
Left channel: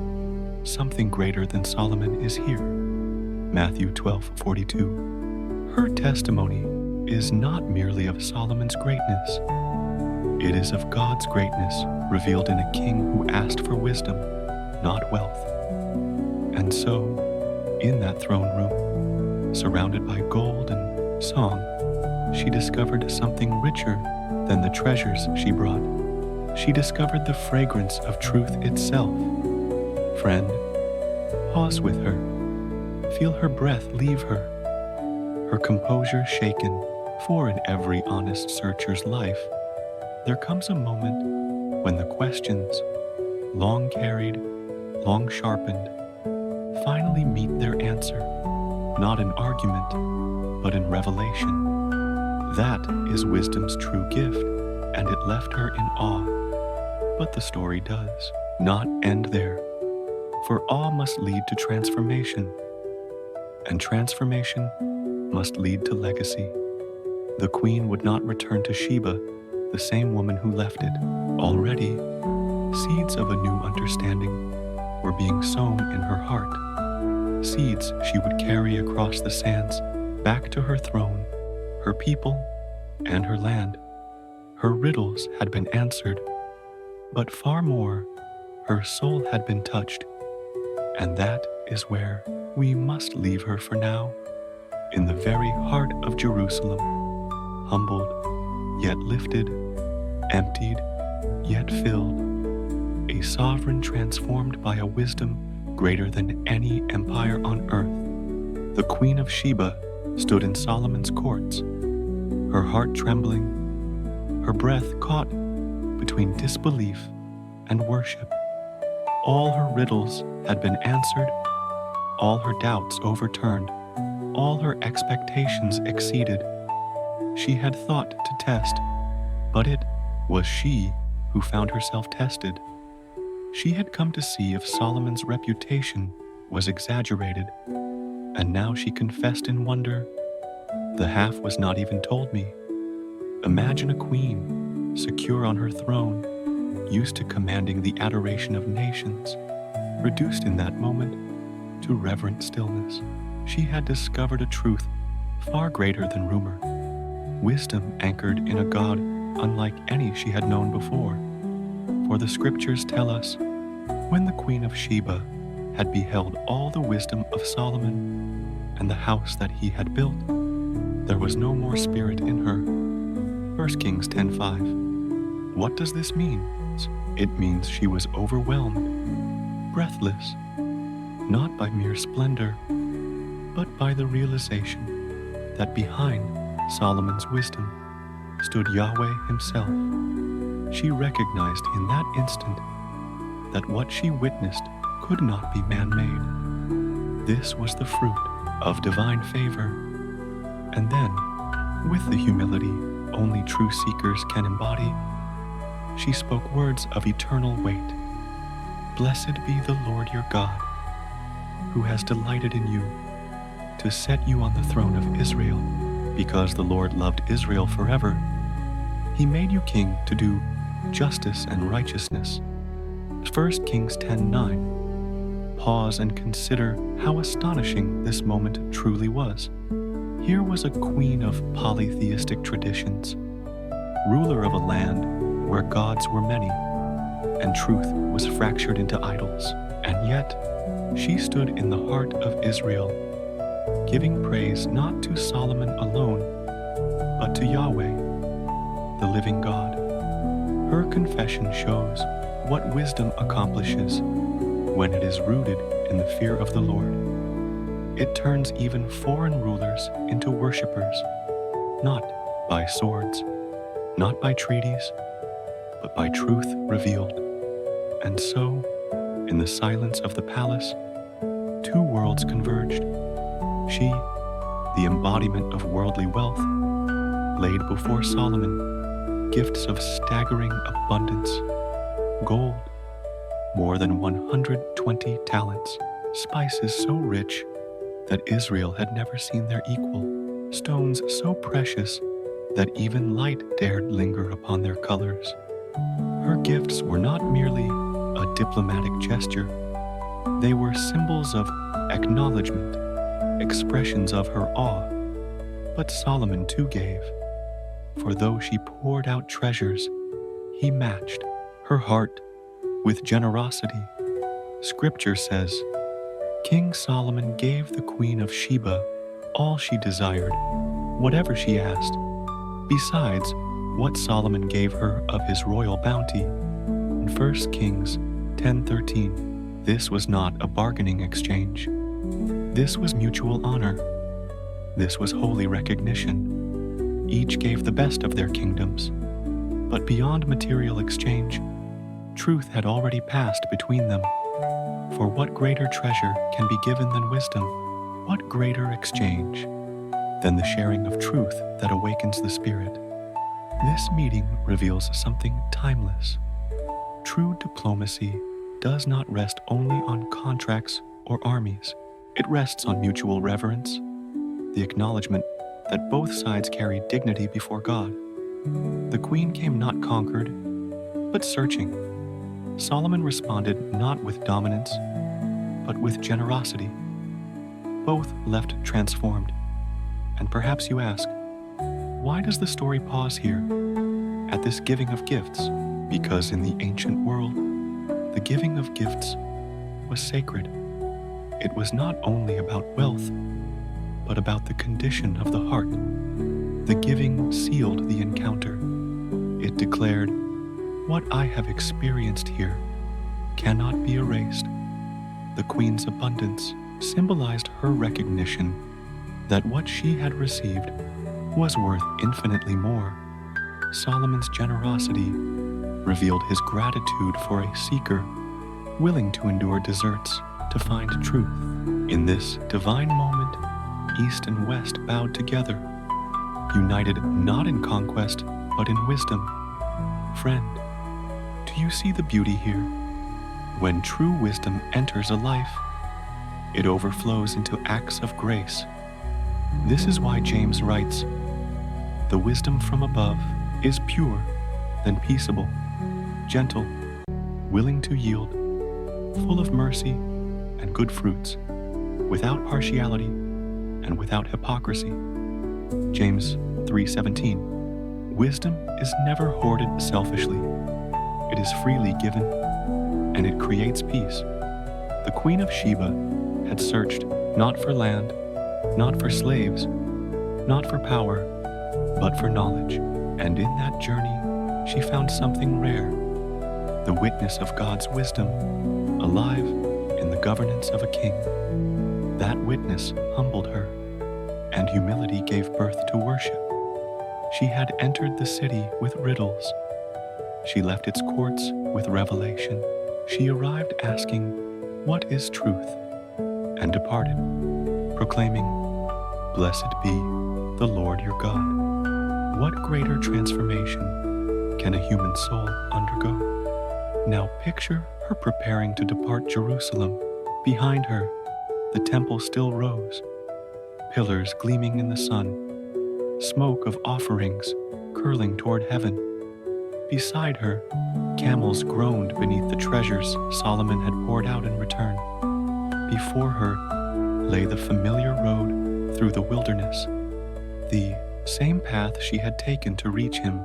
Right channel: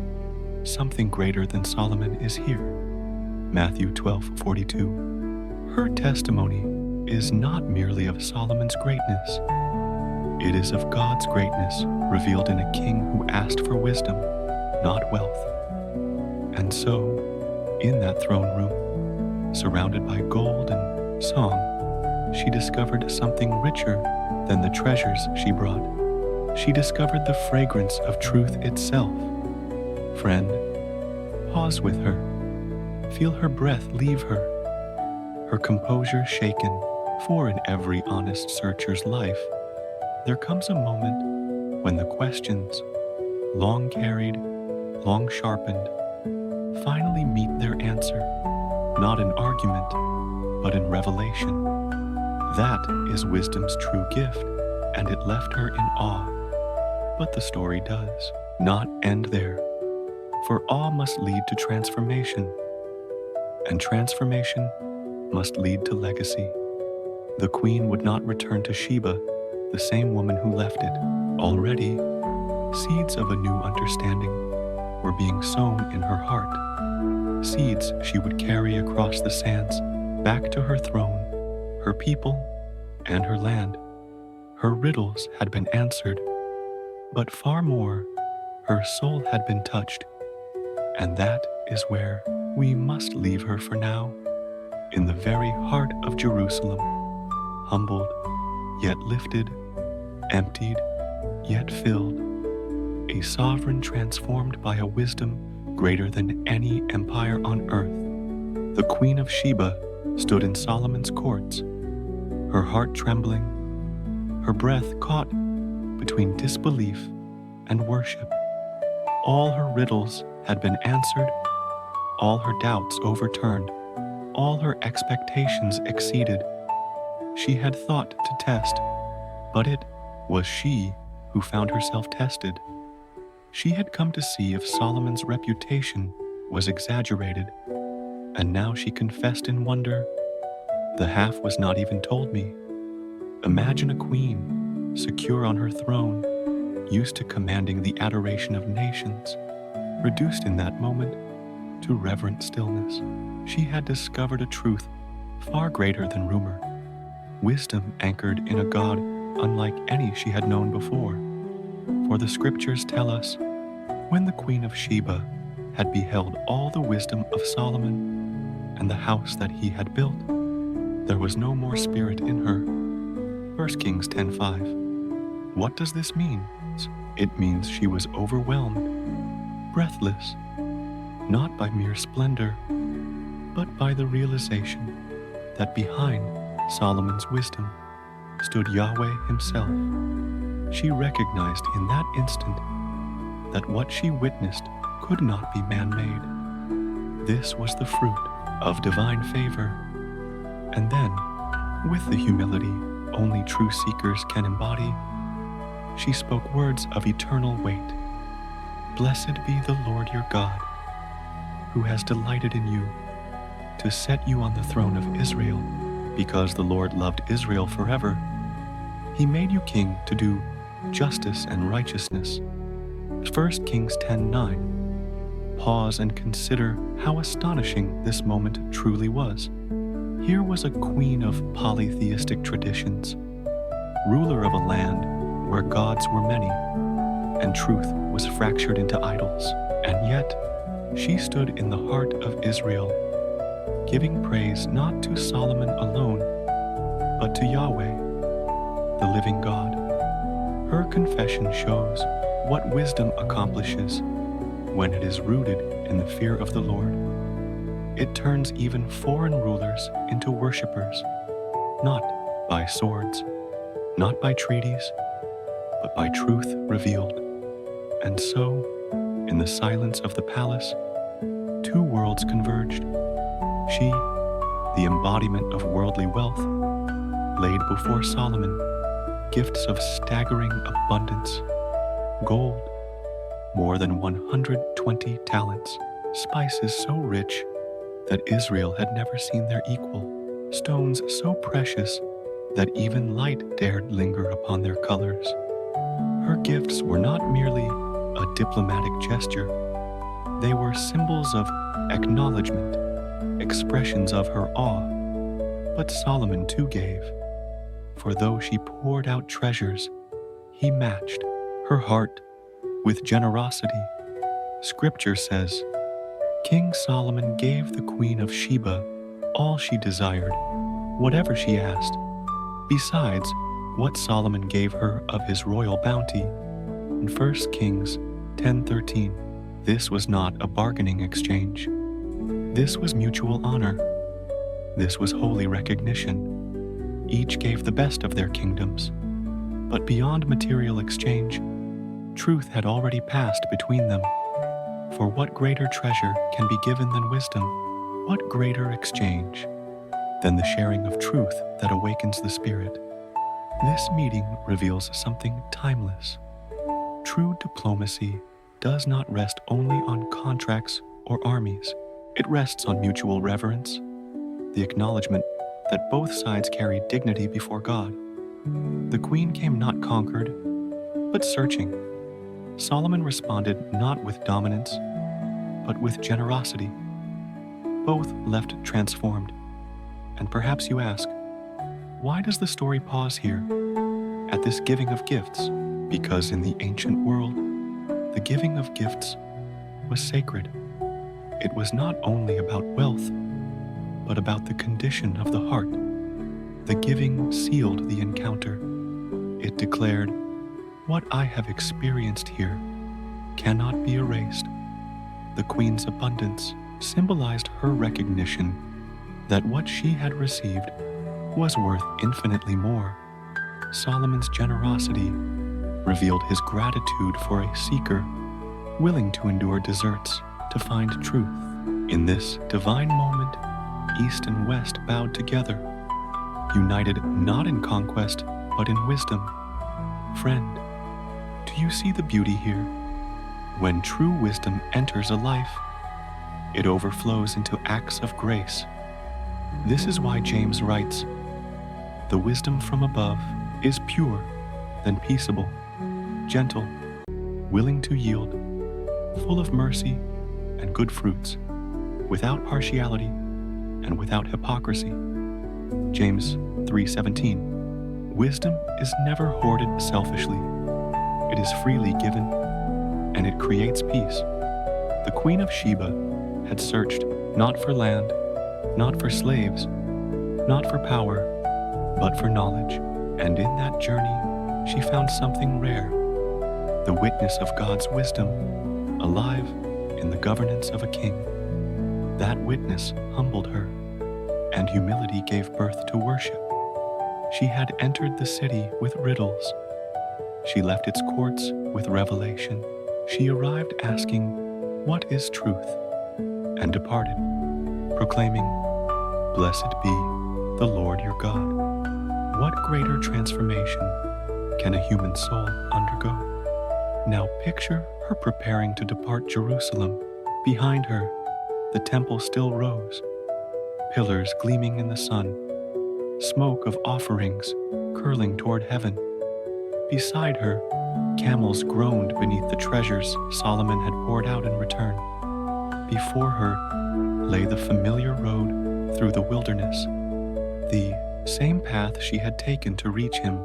something greater than Solomon is here. Matthew 12:42. Her testimony is not merely of Solomon's greatness. It is of God's greatness revealed in a king who asked for wisdom, not wealth. And so, in that throne room, surrounded by gold and song, she discovered something richer than the treasures she brought. She discovered the fragrance of truth itself. Friend, pause with her. Feel her breath leave her, her composure shaken, for in every honest searcher's life, there comes a moment when the questions, long carried, long sharpened, finally meet their answer, not in argument, but in revelation. That is wisdom's true gift, and it left her in awe. But the story does not end there, for awe must lead to transformation, and transformation must lead to legacy. The queen would not return to Sheba, the same woman who left it. Already, seeds of a new understanding were being sown in her heart, seeds she would carry across the sands back to her throne, her people, and her land. Her riddles had been answered, but far more, her soul had been touched, and that is where we must leave her for now, in the very heart of Jerusalem, humbled, yet lifted, emptied, yet filled, a sovereign transformed by a wisdom greater than any empire on earth. The Queen of Sheba stood in Solomon's courts, her heart trembling, her breath caught between disbelief and worship. All her riddles had been answered, all her doubts overturned, all her expectations exceeded. She had thought to test, but it was she who found herself tested. She had come to see if Solomon's reputation was exaggerated, and now she confessed in wonder, "The half was not even told me." Imagine a queen, secure on her throne, used to commanding the adoration of nations, reduced in that moment to reverent stillness. She had discovered a truth far greater than rumor, wisdom anchored in a God unlike any she had known before. For the scriptures tell us, when the Queen of Sheba had beheld all the wisdom of Solomon and the house that he had built, there was no more spirit in her. 1 Kings 10:5. What does this mean? It means she was overwhelmed, breathless, not by mere splendor, but by the realization that behind Solomon's wisdom stood Yahweh himself. She recognized in that instant that what she witnessed could not be man-made. This was the fruit of divine favor. And then, with the humility only true seekers can embody, she spoke words of eternal weight. "Blessed be the Lord your God, who has delighted in you, to set you on the throne of Israel. Because the Lord loved Israel forever, he made you king to do justice and righteousness." 1 Kings 10:9. Pause and consider how astonishing this moment truly was. Here was a queen of polytheistic traditions, ruler of a land where gods were many, and truth was fractured into idols. And yet, she stood in the heart of Israel, giving praise not to Solomon alone, but to Yahweh, the living God. Her confession shows what wisdom accomplishes when it is rooted in the fear of the Lord. It turns even foreign rulers into worshipers, not by swords, not by treaties, but by truth revealed. And so, in the silence of the palace, two worlds converged. She, the embodiment of worldly wealth, laid before Solomon gifts of staggering abundance. Gold, more than 120 talents. Spices so rich that Israel had never seen their equal. Stones so precious that even light dared linger upon their colors. Her gifts were not merely a diplomatic gesture. They were symbols of acknowledgement, expressions of her awe. But Solomon too gave, for though she poured out treasures, he matched her heart with generosity. Scripture says, King Solomon gave the Queen of Sheba all she desired, whatever she asked, besides what Solomon gave her of his royal bounty. In 1 Kings 10:13, this was not a bargaining exchange. This was mutual honor. This was holy recognition. Each gave the best of their kingdoms. But beyond material exchange, truth had already passed between them. For what greater treasure can be given than wisdom? What greater exchange than the sharing of truth that awakens the spirit? This meeting reveals something timeless. True diplomacy does not rest only on contracts or armies. It rests on mutual reverence, the acknowledgement that both sides carry dignity before God. The queen came not conquered, but searching. Solomon responded not with dominance, but with generosity. Both left transformed. And perhaps you ask, why does the story pause here, at this giving of gifts? Because in the ancient world, the giving of gifts was sacred. It was not only about wealth, but about the condition of the heart. The giving sealed the encounter. It declared, what I have experienced here cannot be erased. The queen's abundance symbolized her recognition that what she had received was worth infinitely more. Solomon's generosity revealed his gratitude for a seeker willing to endure deserts to find truth. In this divine moment, East and West bowed together, united not in conquest, but in wisdom. Friend, do you see the beauty here? When true wisdom enters a life, it overflows into acts of grace. This is why James writes, the wisdom from above is pure, then peaceable, gentle, willing to yield, full of mercy and good fruits, without partiality and without hypocrisy. James 3:17. Wisdom is never hoarded selfishly. It is freely given, and it creates peace. The Queen of Sheba had searched not for land, not for slaves, not for power, but for knowledge. And in that journey, she found something rare, the witness of God's wisdom, alive in the governance of a king. That witness humbled her, and humility gave birth to worship. She had entered the city with riddles. She left its courts with revelation. She arrived asking, what is truth? And departed, proclaiming, blessed be the Lord your God. What greater transformation can a human soul undergo? Now picture her preparing to depart Jerusalem. Behind her, the temple still rose, pillars gleaming in the sun, smoke of offerings curling toward heaven. Beside her, camels groaned beneath the treasures Solomon had poured out in return. Before her lay the familiar road through the wilderness, the same path she had taken to reach him,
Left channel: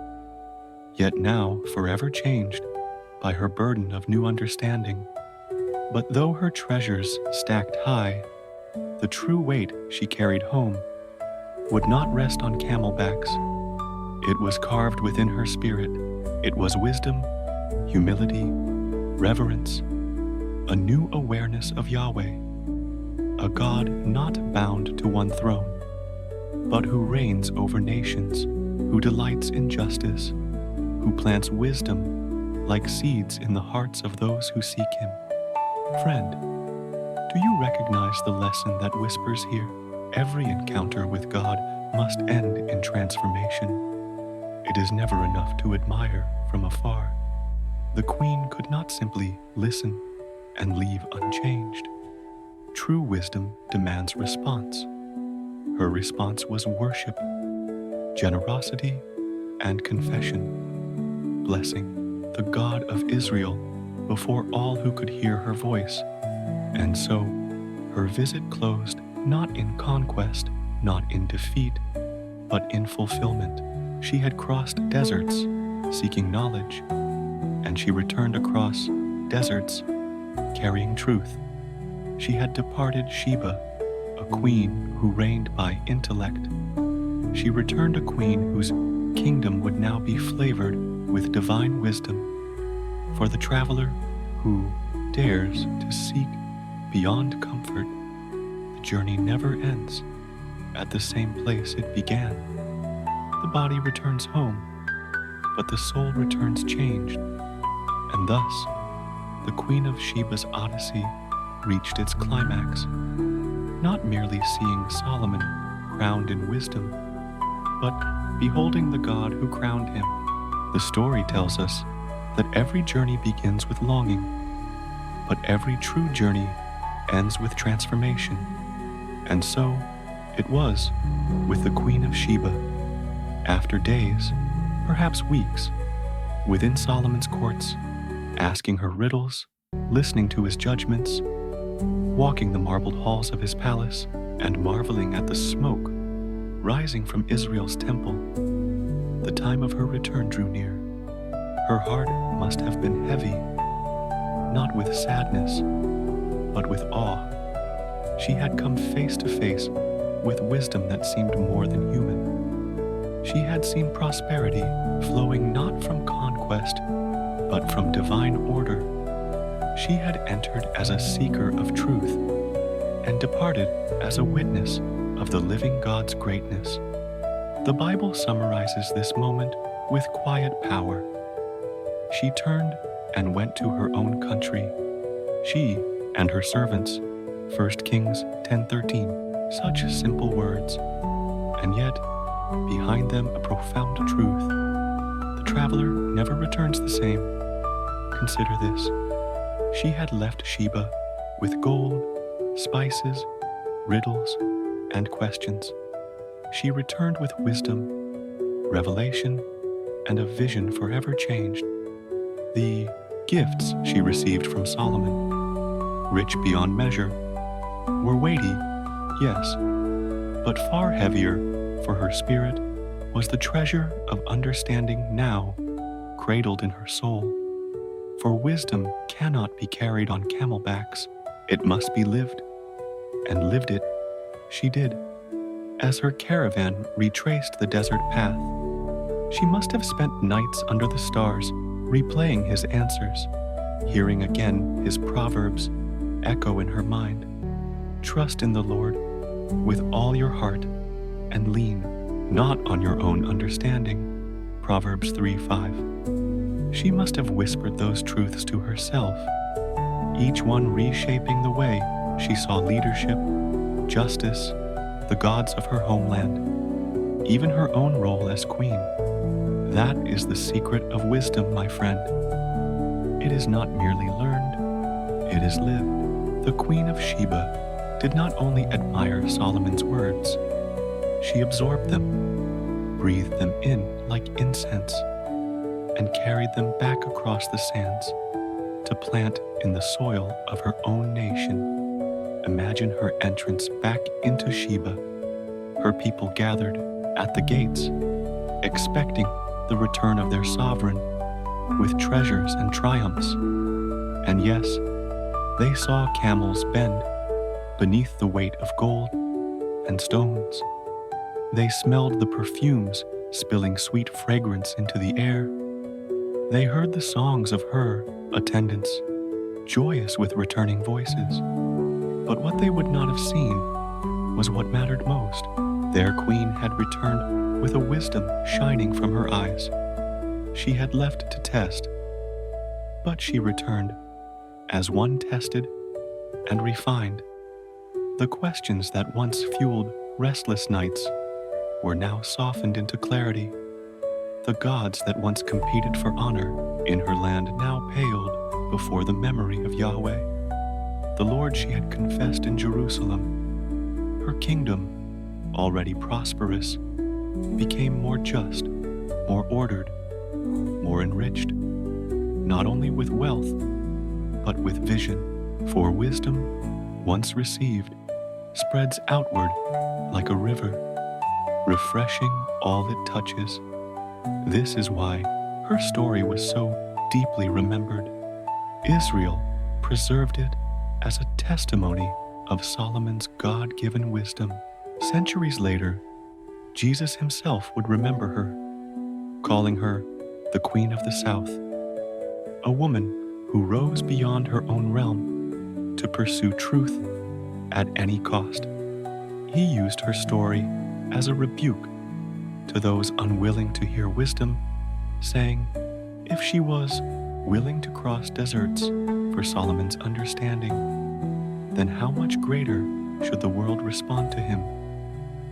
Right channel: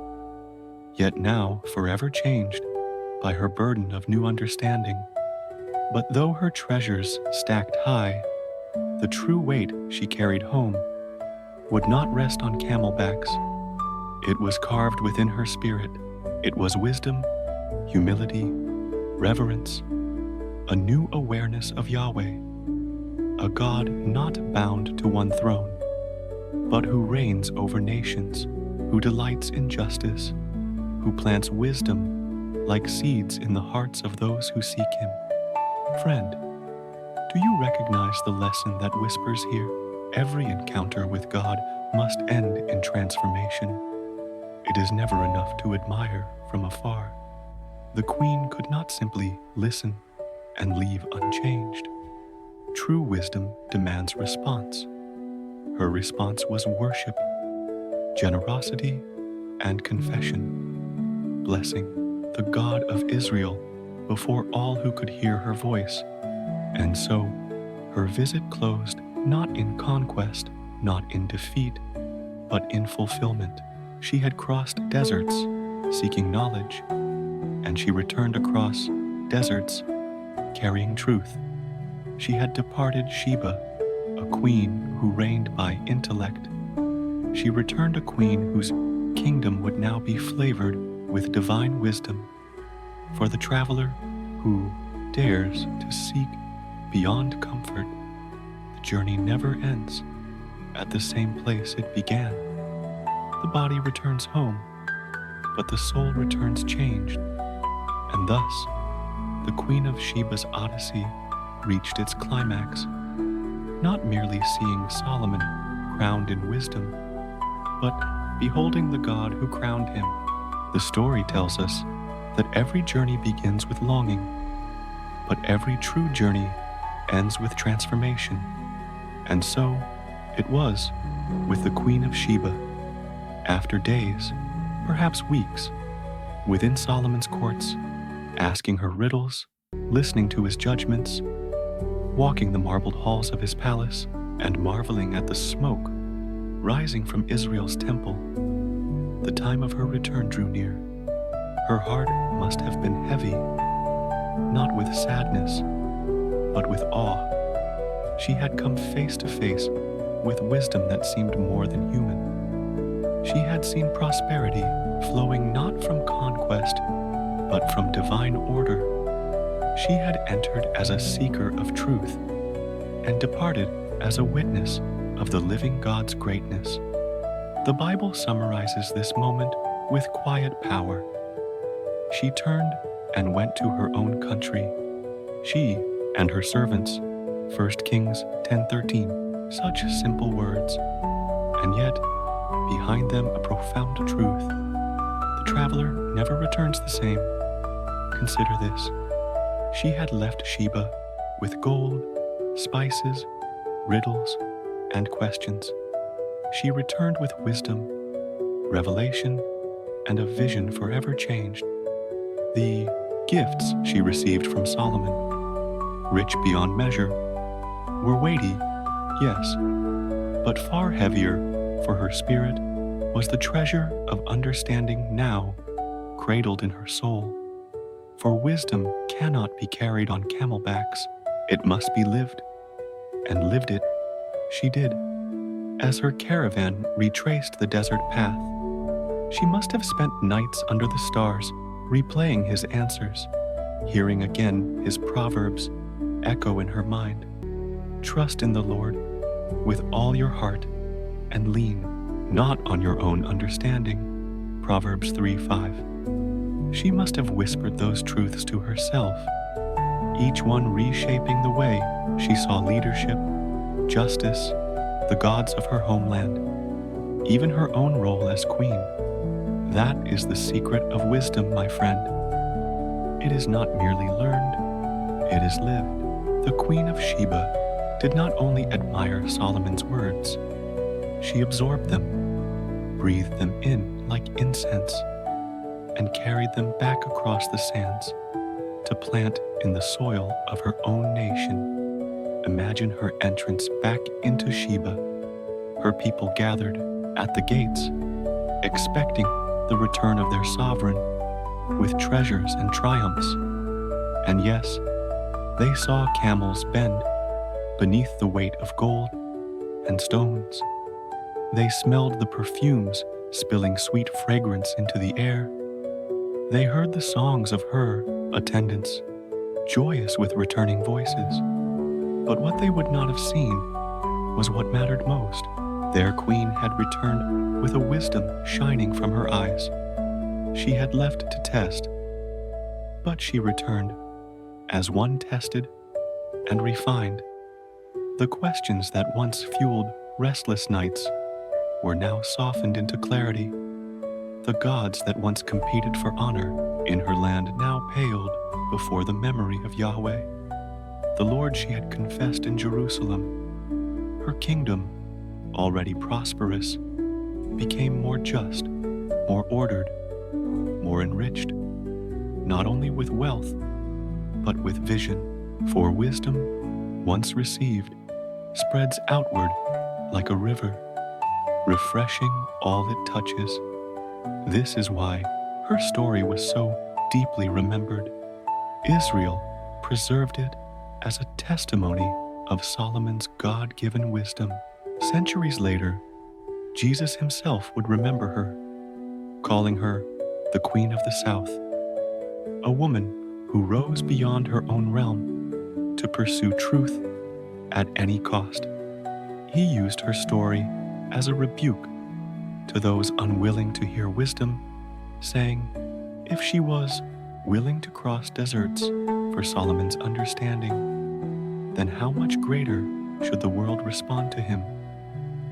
yet now forever changed by her burden of new understanding. But though her treasures stacked high, the true weight she carried home would not rest on camelbacks. It was carved within her spirit. It was wisdom, humility, reverence, a new awareness of Yahweh, a God not bound to one throne, but who reigns over nations, who delights in justice, who plants wisdom like seeds in the hearts of those who seek him. Friend, do you recognize the lesson that whispers here? Every encounter with God must end in transformation. It is never enough to admire from afar. The queen could not simply listen and leave unchanged. True wisdom demands response. Her response was worship, generosity, and confession, blessing the God of Israel before all who could hear her voice. And so, her visit closed not in conquest, not in defeat, but in fulfillment. She had crossed deserts, seeking knowledge, and she returned across deserts, carrying truth. She had departed Sheba, a queen who reigned by intellect. She returned a queen whose kingdom would now be flavored with divine wisdom. For the traveler who dares to seek beyond comfort, the journey never ends at the same place it began. The body returns home, but the soul returns changed. And thus, the Queen of Sheba's Odyssey reached its climax, not merely seeing Solomon crowned in wisdom, but beholding the God who crowned him. The story tells us that every journey begins with longing, but every true journey ends with transformation. And so it was with the Queen of Sheba. After days, perhaps weeks, within Solomon's courts, asking her riddles, listening to his judgments, walking the marbled halls of his palace, and marveling at the smoke rising from Israel's temple, the time of her return drew near. Her heart must have been heavy, not with sadness, but with awe. She had come face to face with wisdom that seemed more than human. She had seen prosperity flowing not from conquest, but from divine order. She had entered as a seeker of truth and departed as a witness of the living God's greatness. The Bible summarizes this moment with quiet power. She turned and went to her own country, she and her servants. 1 Kings 10:13. Such simple words, and yet behind them a profound truth. The traveler never returns the same. Consider this. She had left Sheba with gold, spices, riddles, and questions. She returned with wisdom, revelation, and a vision forever changed. The gifts she received from Solomon, rich beyond measure, were weighty, yes, but far heavier for her spirit was the treasure of understanding now cradled in her soul. For wisdom cannot be carried on camelbacks. It must be lived, and lived it she did. As her caravan retraced the desert path, she must have spent nights under the stars replaying his answers, hearing again his proverbs echo in her mind. Trust in the Lord with all your heart and lean not on your own understanding. Proverbs 3:5. She must have whispered those truths to herself, each one reshaping the way she saw leadership, justice, the gods of her homeland, even her own role as queen. That is the secret of wisdom, my friend. It is not merely learned, it is lived. The Queen of Sheba did not only admire Solomon's words, she absorbed them, breathed them in like incense, and carried them back across the sands to plant in the soil of her own nation. Imagine her entrance back into Sheba. Her people gathered at the gates, expecting the return of their sovereign with treasures and triumphs. And yes, they saw camels bend beneath the weight of gold and stones. They smelled the perfumes spilling sweet fragrance into the air. They heard the songs of her attendants, joyous with returning voices. But what they would not have seen was what mattered most. Their queen had returned with a wisdom shining from her eyes. She had left to test, but she returned as one tested and refined. The questions that once fueled restless nights were now softened into clarity. The gods that once competed for honor in her land now paled before the memory of Yahweh, the Lord she had confessed in Jerusalem. Her kingdom, already prosperous, became more just, more ordered, more enriched, not only with wealth, but with vision. For wisdom, once received, spreads outward like a river, refreshing all it touches. This is why her story was so deeply remembered. Israel preserved it as a testimony of Solomon's God-given wisdom. Centuries later, Jesus himself would remember her, calling her the Queen of the South, a woman who rose beyond her own realm to pursue truth at any cost. He used her story as a rebuke to those unwilling to hear wisdom, saying, if she was willing to cross deserts for Solomon's understanding, then how much greater should the world respond to him,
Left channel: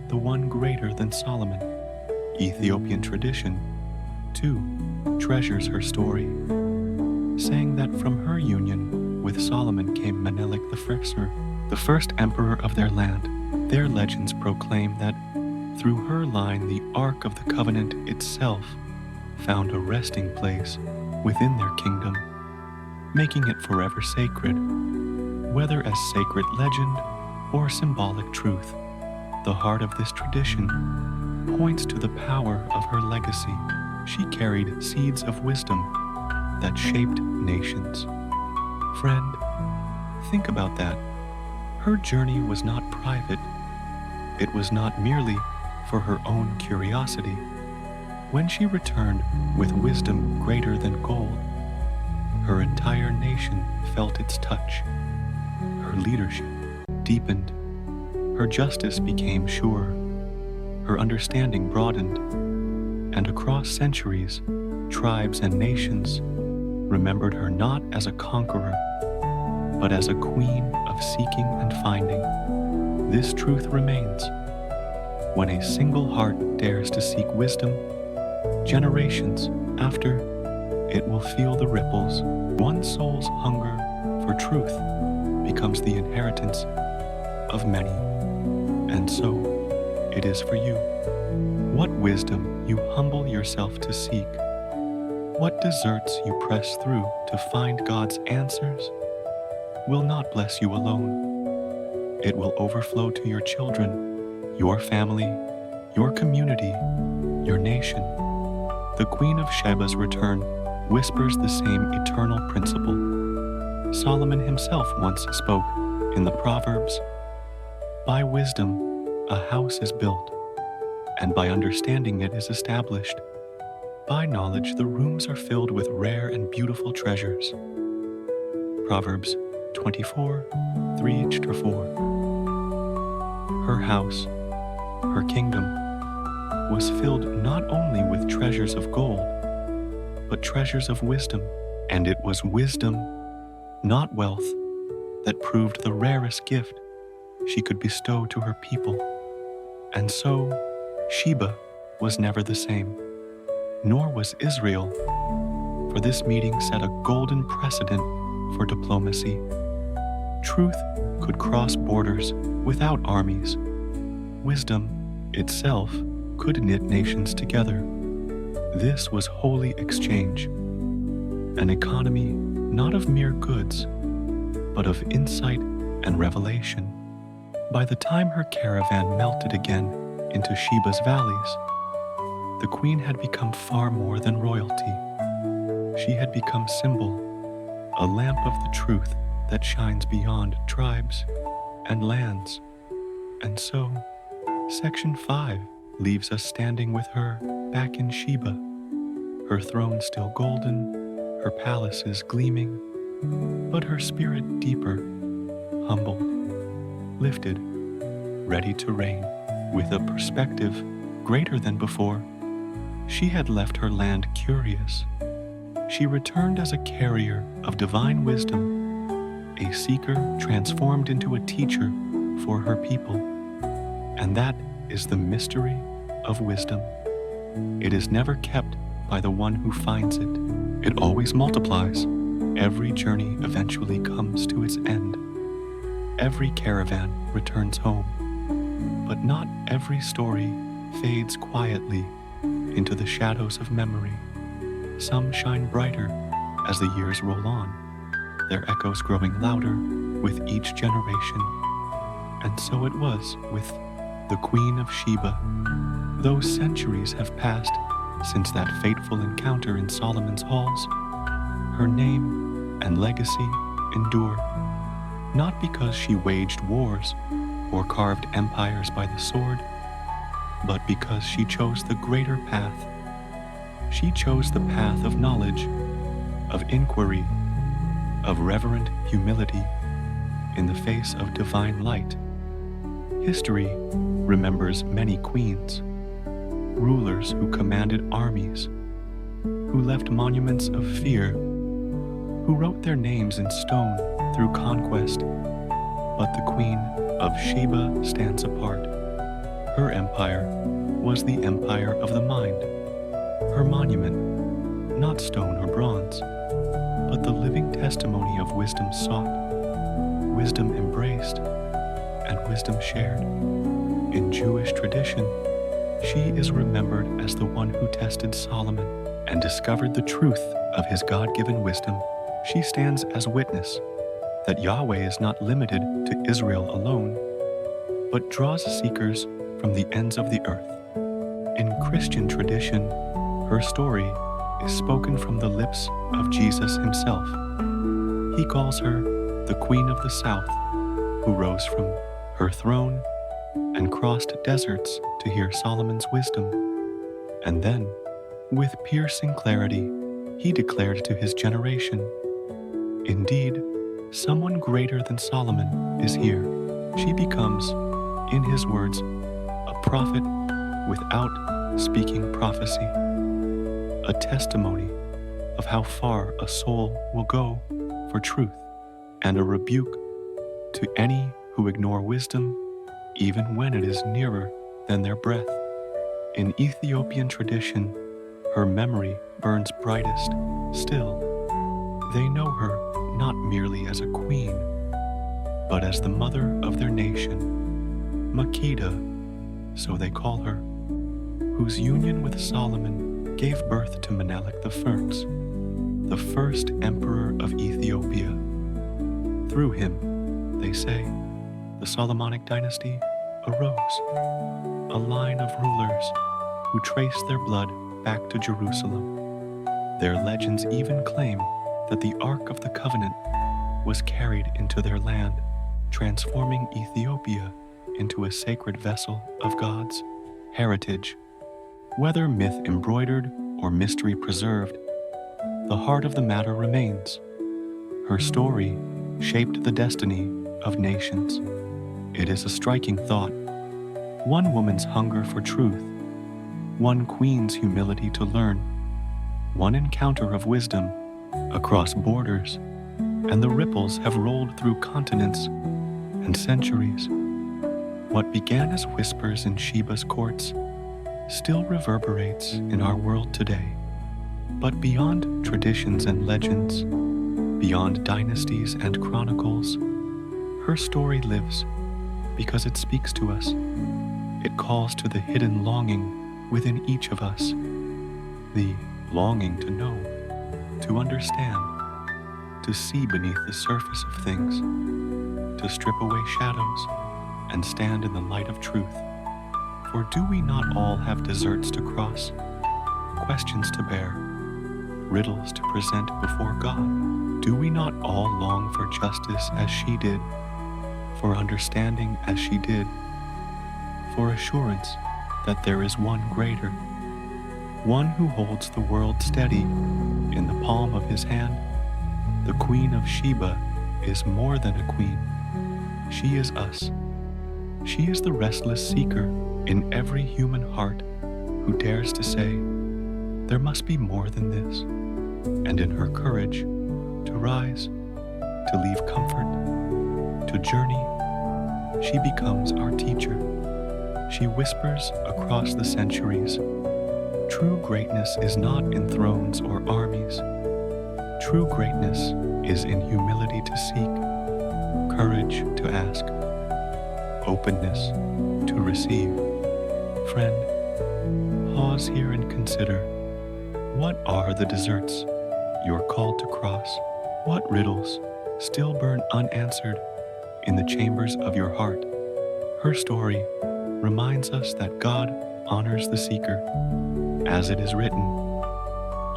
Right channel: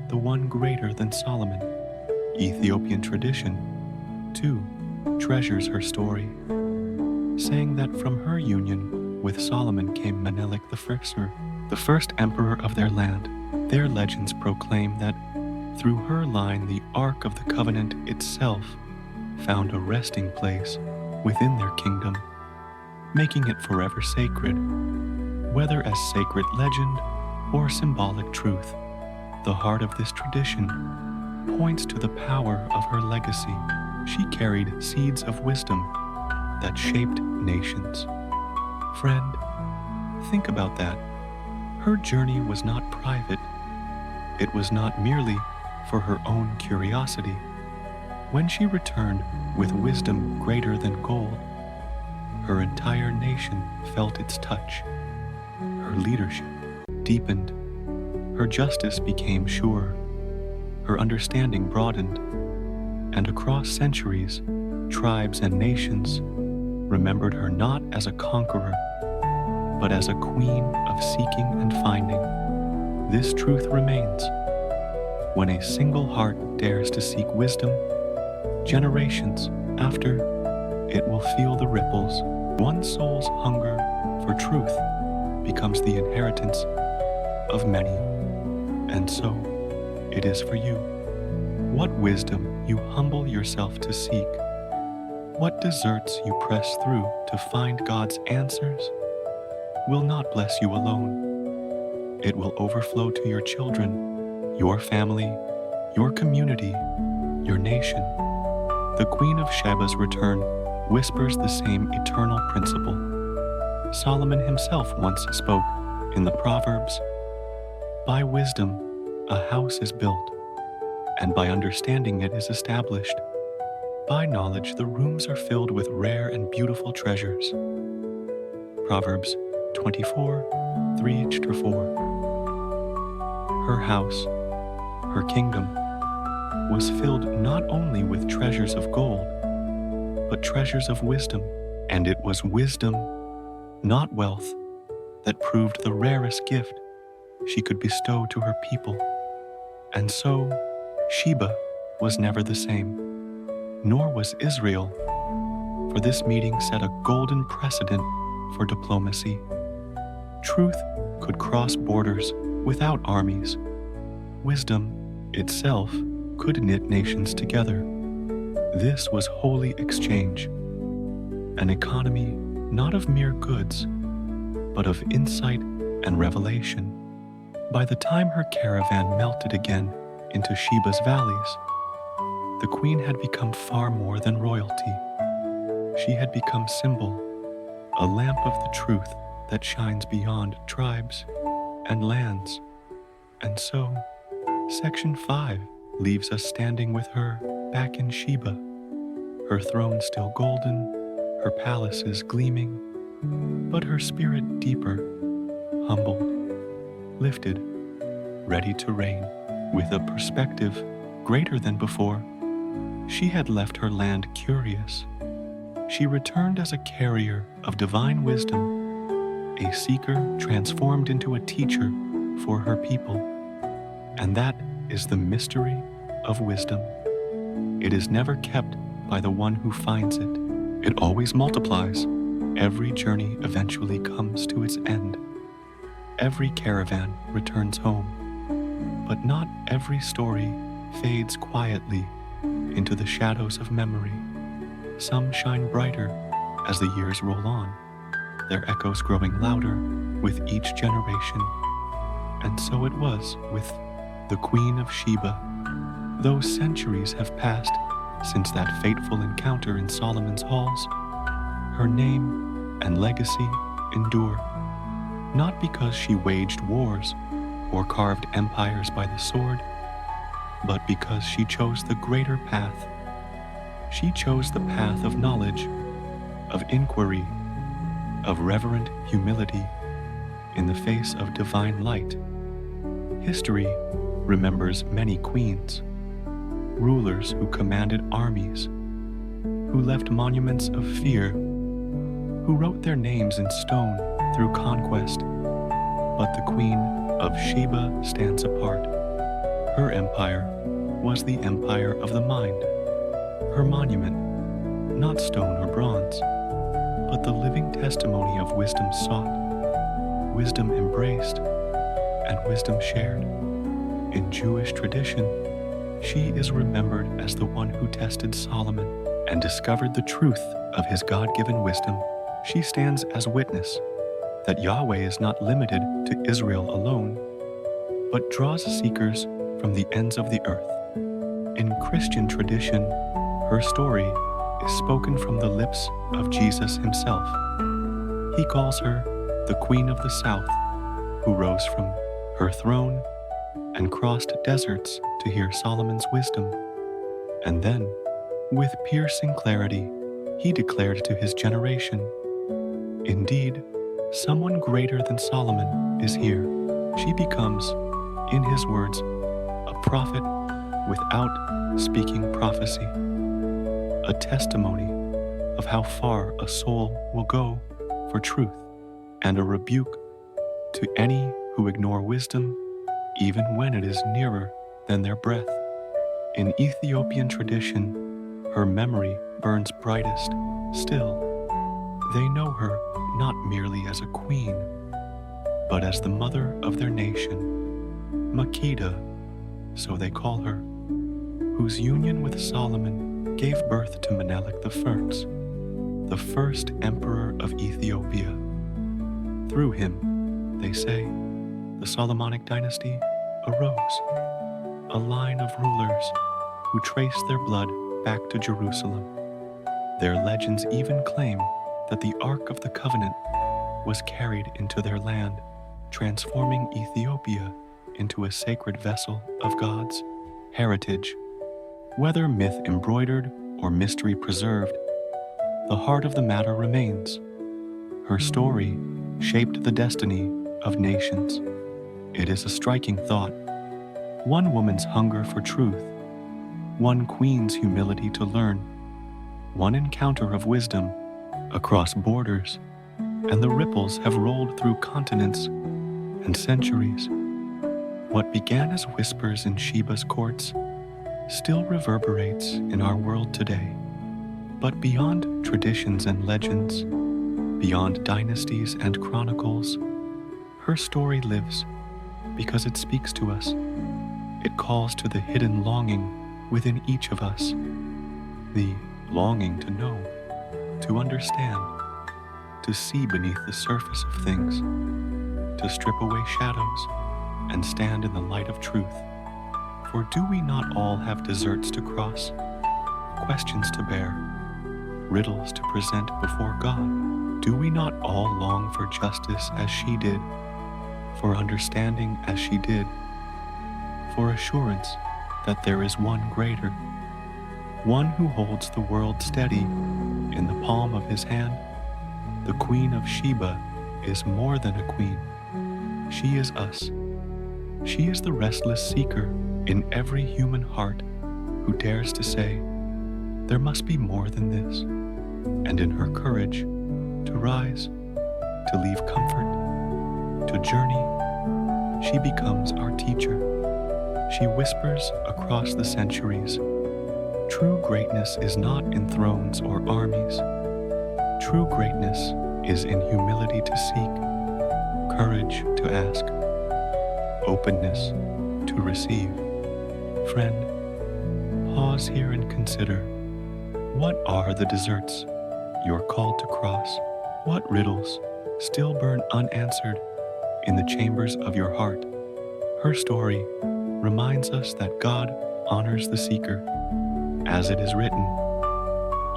the one greater than Solomon? Ethiopian tradition, too, treasures her story, saying that from her union with Solomon came Menelik the first emperor of their land. Their legends proclaim that through her line the Ark of the Covenant itself found a resting place within their kingdom, making it forever sacred, whether as sacred legend or symbolic truth. The heart of this tradition points to the power of her legacy. She carried seeds of wisdom that shaped nations. Friend, think about that. Her journey was not private. It was not merely for her own curiosity. When she returned with wisdom greater than gold, her entire nation felt its touch. Her leadership deepened. Her justice became sure. Her understanding broadened. And across centuries, tribes and nations remembered her not as a conqueror, but as a queen of seeking and finding. This truth remains. When a single heart dares to seek wisdom, generations after, it will feel the ripples. One soul's hunger for truth becomes the inheritance of many. And so, it is for you. What wisdom you humble yourself to seek, what deserts you press through to find God's answers, will not bless you alone. It will overflow to your children, your family, your community, your nation. The Queen of Sheba's return whispers the same eternal principle. Solomon himself once spoke in the Proverbs, by wisdom a house is built, and by understanding it is established. By knowledge the rooms are filled with rare and beautiful treasures. Proverbs 24:3-4. Her house, her kingdom, was filled not only with treasures of gold, but treasures of wisdom. And it was wisdom, not wealth, that proved the rarest gift she could bestow to her people. And so, Sheba was never the same, nor was Israel, for this meeting set a golden precedent for diplomacy. Truth could cross borders without armies. Wisdom itself could knit nations together. This was holy exchange, an economy not of mere goods, but of insight and revelation. By the time her caravan melted again into Sheba's valleys, the queen had become far more than royalty. She had become symbol, a lamp of the truth that shines beyond tribes and lands. And so, Section 5 leaves us standing with her back in Sheba, her throne still golden, her palaces gleaming, but her spirit deeper, humbled, lifted, ready to reign. With a perspective greater than before, she had left her land curious. She returned as a carrier of divine wisdom, a seeker transformed into a teacher for her people. And that is the mystery of wisdom. It is never kept by the one who finds it. It always multiplies. Every journey eventually comes to its end. Every caravan returns home. But not every story fades quietly into the shadows of memory. Some shine brighter as the years roll on, their echoes growing louder with each generation. And so it was with the Queen of Sheba. Though centuries have passed since that fateful encounter in Solomon's halls, her name and legacy endure, not because she waged wars or carved empires by the sword, but because she chose the greater path. She chose the path of knowledge, of inquiry, of reverent humility in the face of divine light. History remembers many queens, rulers who commanded armies, who left monuments of fear, who wrote their names in stone through conquest. But the Queen of Sheba stands apart. Her empire was the empire of the mind. Her monument, not stone or bronze, but the living testimony of wisdom sought, wisdom embraced, and wisdom shared. In Jewish tradition, she is remembered as the one who tested Solomon and discovered the truth of his God-given wisdom. She stands as witness that Yahweh is not limited to Israel alone, but draws seekers from the ends of the earth. In Christian tradition, her story is spoken from the lips of Jesus himself. He calls her the Queen of the South, who rose from her throne and crossed deserts to hear Solomon's wisdom. And then, with piercing clarity, he declared to his generation, "Indeed, someone greater than Solomon is here." She becomes, in his words, a prophet without speaking prophecy, a testimony of how far a soul will go for truth, and a rebuke to any who ignore wisdom even when it is nearer than their breath. In Ethiopian tradition, her memory burns brightest still. They know her not merely as a queen, but as the mother of their nation, Makeda, so they call her, whose union with Solomon gave birth to Menelik the first emperor of Ethiopia. Through him, they say, the Solomonic dynasty arose, a line of rulers who trace their blood back to Jerusalem. Their legends even claim that the Ark of the Covenant was carried into their land, transforming Ethiopia into a sacred vessel of God's heritage. Whether myth embroidered or mystery preserved, the heart of the matter remains. Her story shaped the destiny of nations. It is a striking thought. One woman's hunger for truth, one queen's humility to learn, one encounter of wisdom across borders, and the ripples have rolled through continents and centuries. What began as whispers in Sheba's courts still reverberates in our world today. But beyond traditions and legends, beyond dynasties and chronicles, her story lives because it speaks to us. It calls to the hidden longing within each of us, the longing to know, to understand, to see beneath the surface of things, to strip away shadows and stand in the light of truth. For do we not all have deserts to cross, questions to bear, riddles to present before God? Do we not all long for justice as she did, for understanding as she did, for assurance that there is one greater, one who holds the world steady in the palm of his hand? The Queen of Sheba is more than a queen. She is us. She is the restless seeker in every human heart who dares to say, there must be more than this. And in her courage to rise, to leave comfort, to journey, she becomes our teacher. She whispers across the centuries, True greatness is not in thrones or armies. True greatness is in humility to seek, courage to ask, openness to receive. Friend, pause here and consider, what are the deserts you're called to cross? What riddles still burn unanswered in the chambers of your heart? Her story reminds us that God honors the seeker. As it is written,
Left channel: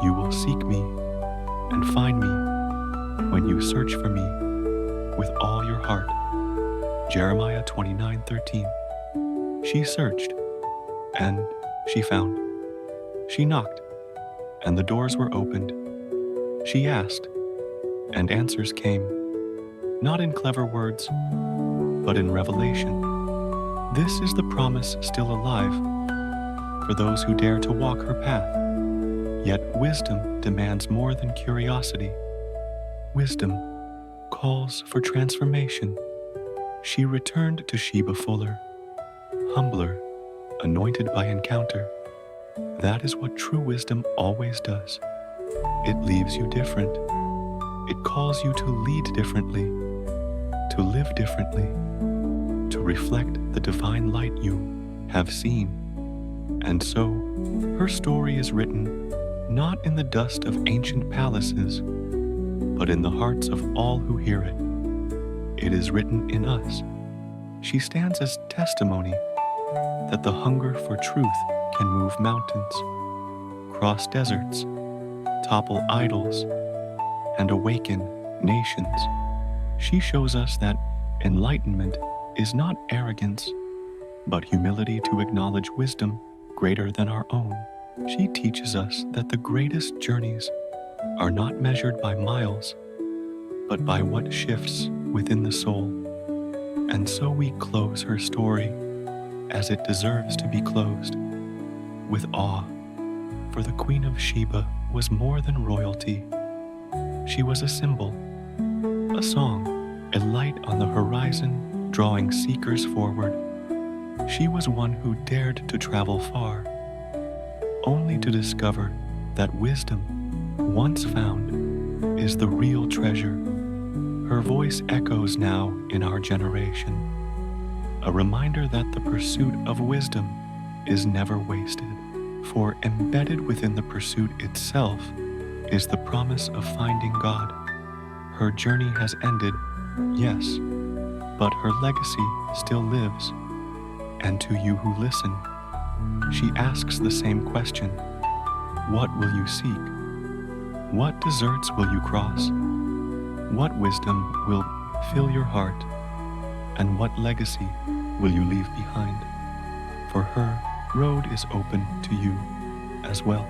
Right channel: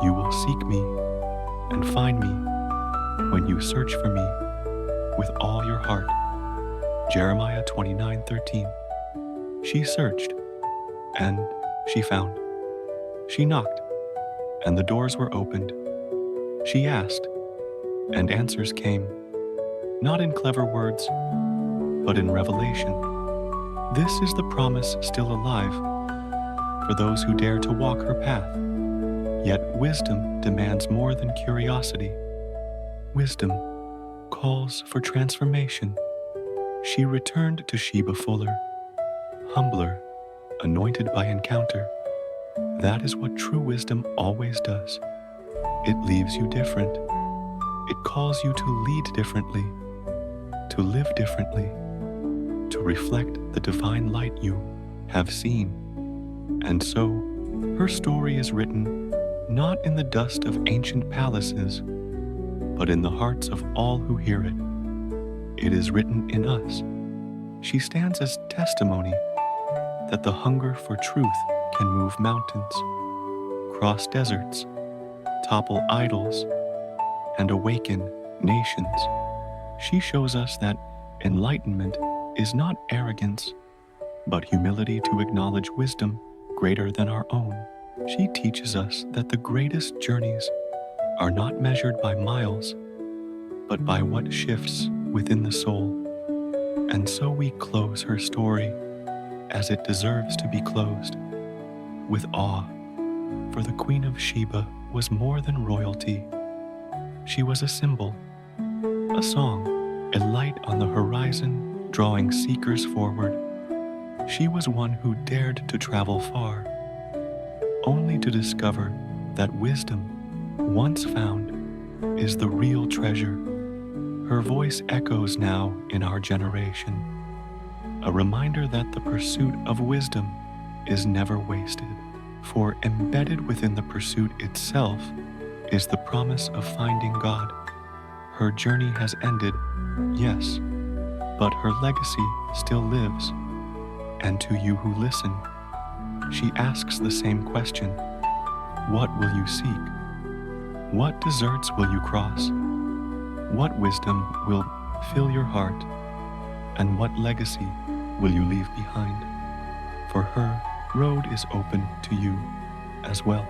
"You will seek me and find me when you search for me with all your heart." Jeremiah 29:13. She searched, and she found. She knocked, and the doors were opened. She asked, and answers came, not in clever words, but in revelation. This is the promise still alive for those who dare to walk her path. Yet wisdom demands more than curiosity. Wisdom calls for transformation. She returned to Sheba fuller, humbler, anointed by encounter. That is what true wisdom always does. It leaves you different. It calls you to lead differently, to live differently, to reflect the divine light you have seen. And so, her story is written not in the dust of ancient palaces, but in the hearts of all who hear it. It is written in us. She stands as testimony that the hunger for truth can move mountains, cross deserts, topple idols, and awaken nations. She shows us that enlightenment is not arrogance, but humility to acknowledge wisdom greater than our own. She teaches us that the greatest journeys are not measured by miles, but by what shifts within the soul. And so we close her story as it deserves to be closed, with awe. For the Queen of Sheba was more than royalty. She was a symbol, a song, a light on the horizon drawing seekers forward. She was one who dared to travel far, only to discover that wisdom, once found, is the real treasure. Her voice echoes now in our generation, a reminder that the pursuit of wisdom is never wasted, for embedded within the pursuit itself is the promise of finding God. Her journey has ended, yes, but her legacy still lives. And to you who listen, she asks the same question: what will you seek? What deserts will you cross? What wisdom will fill your heart? And what legacy will you leave behind? For her road is open to you as well.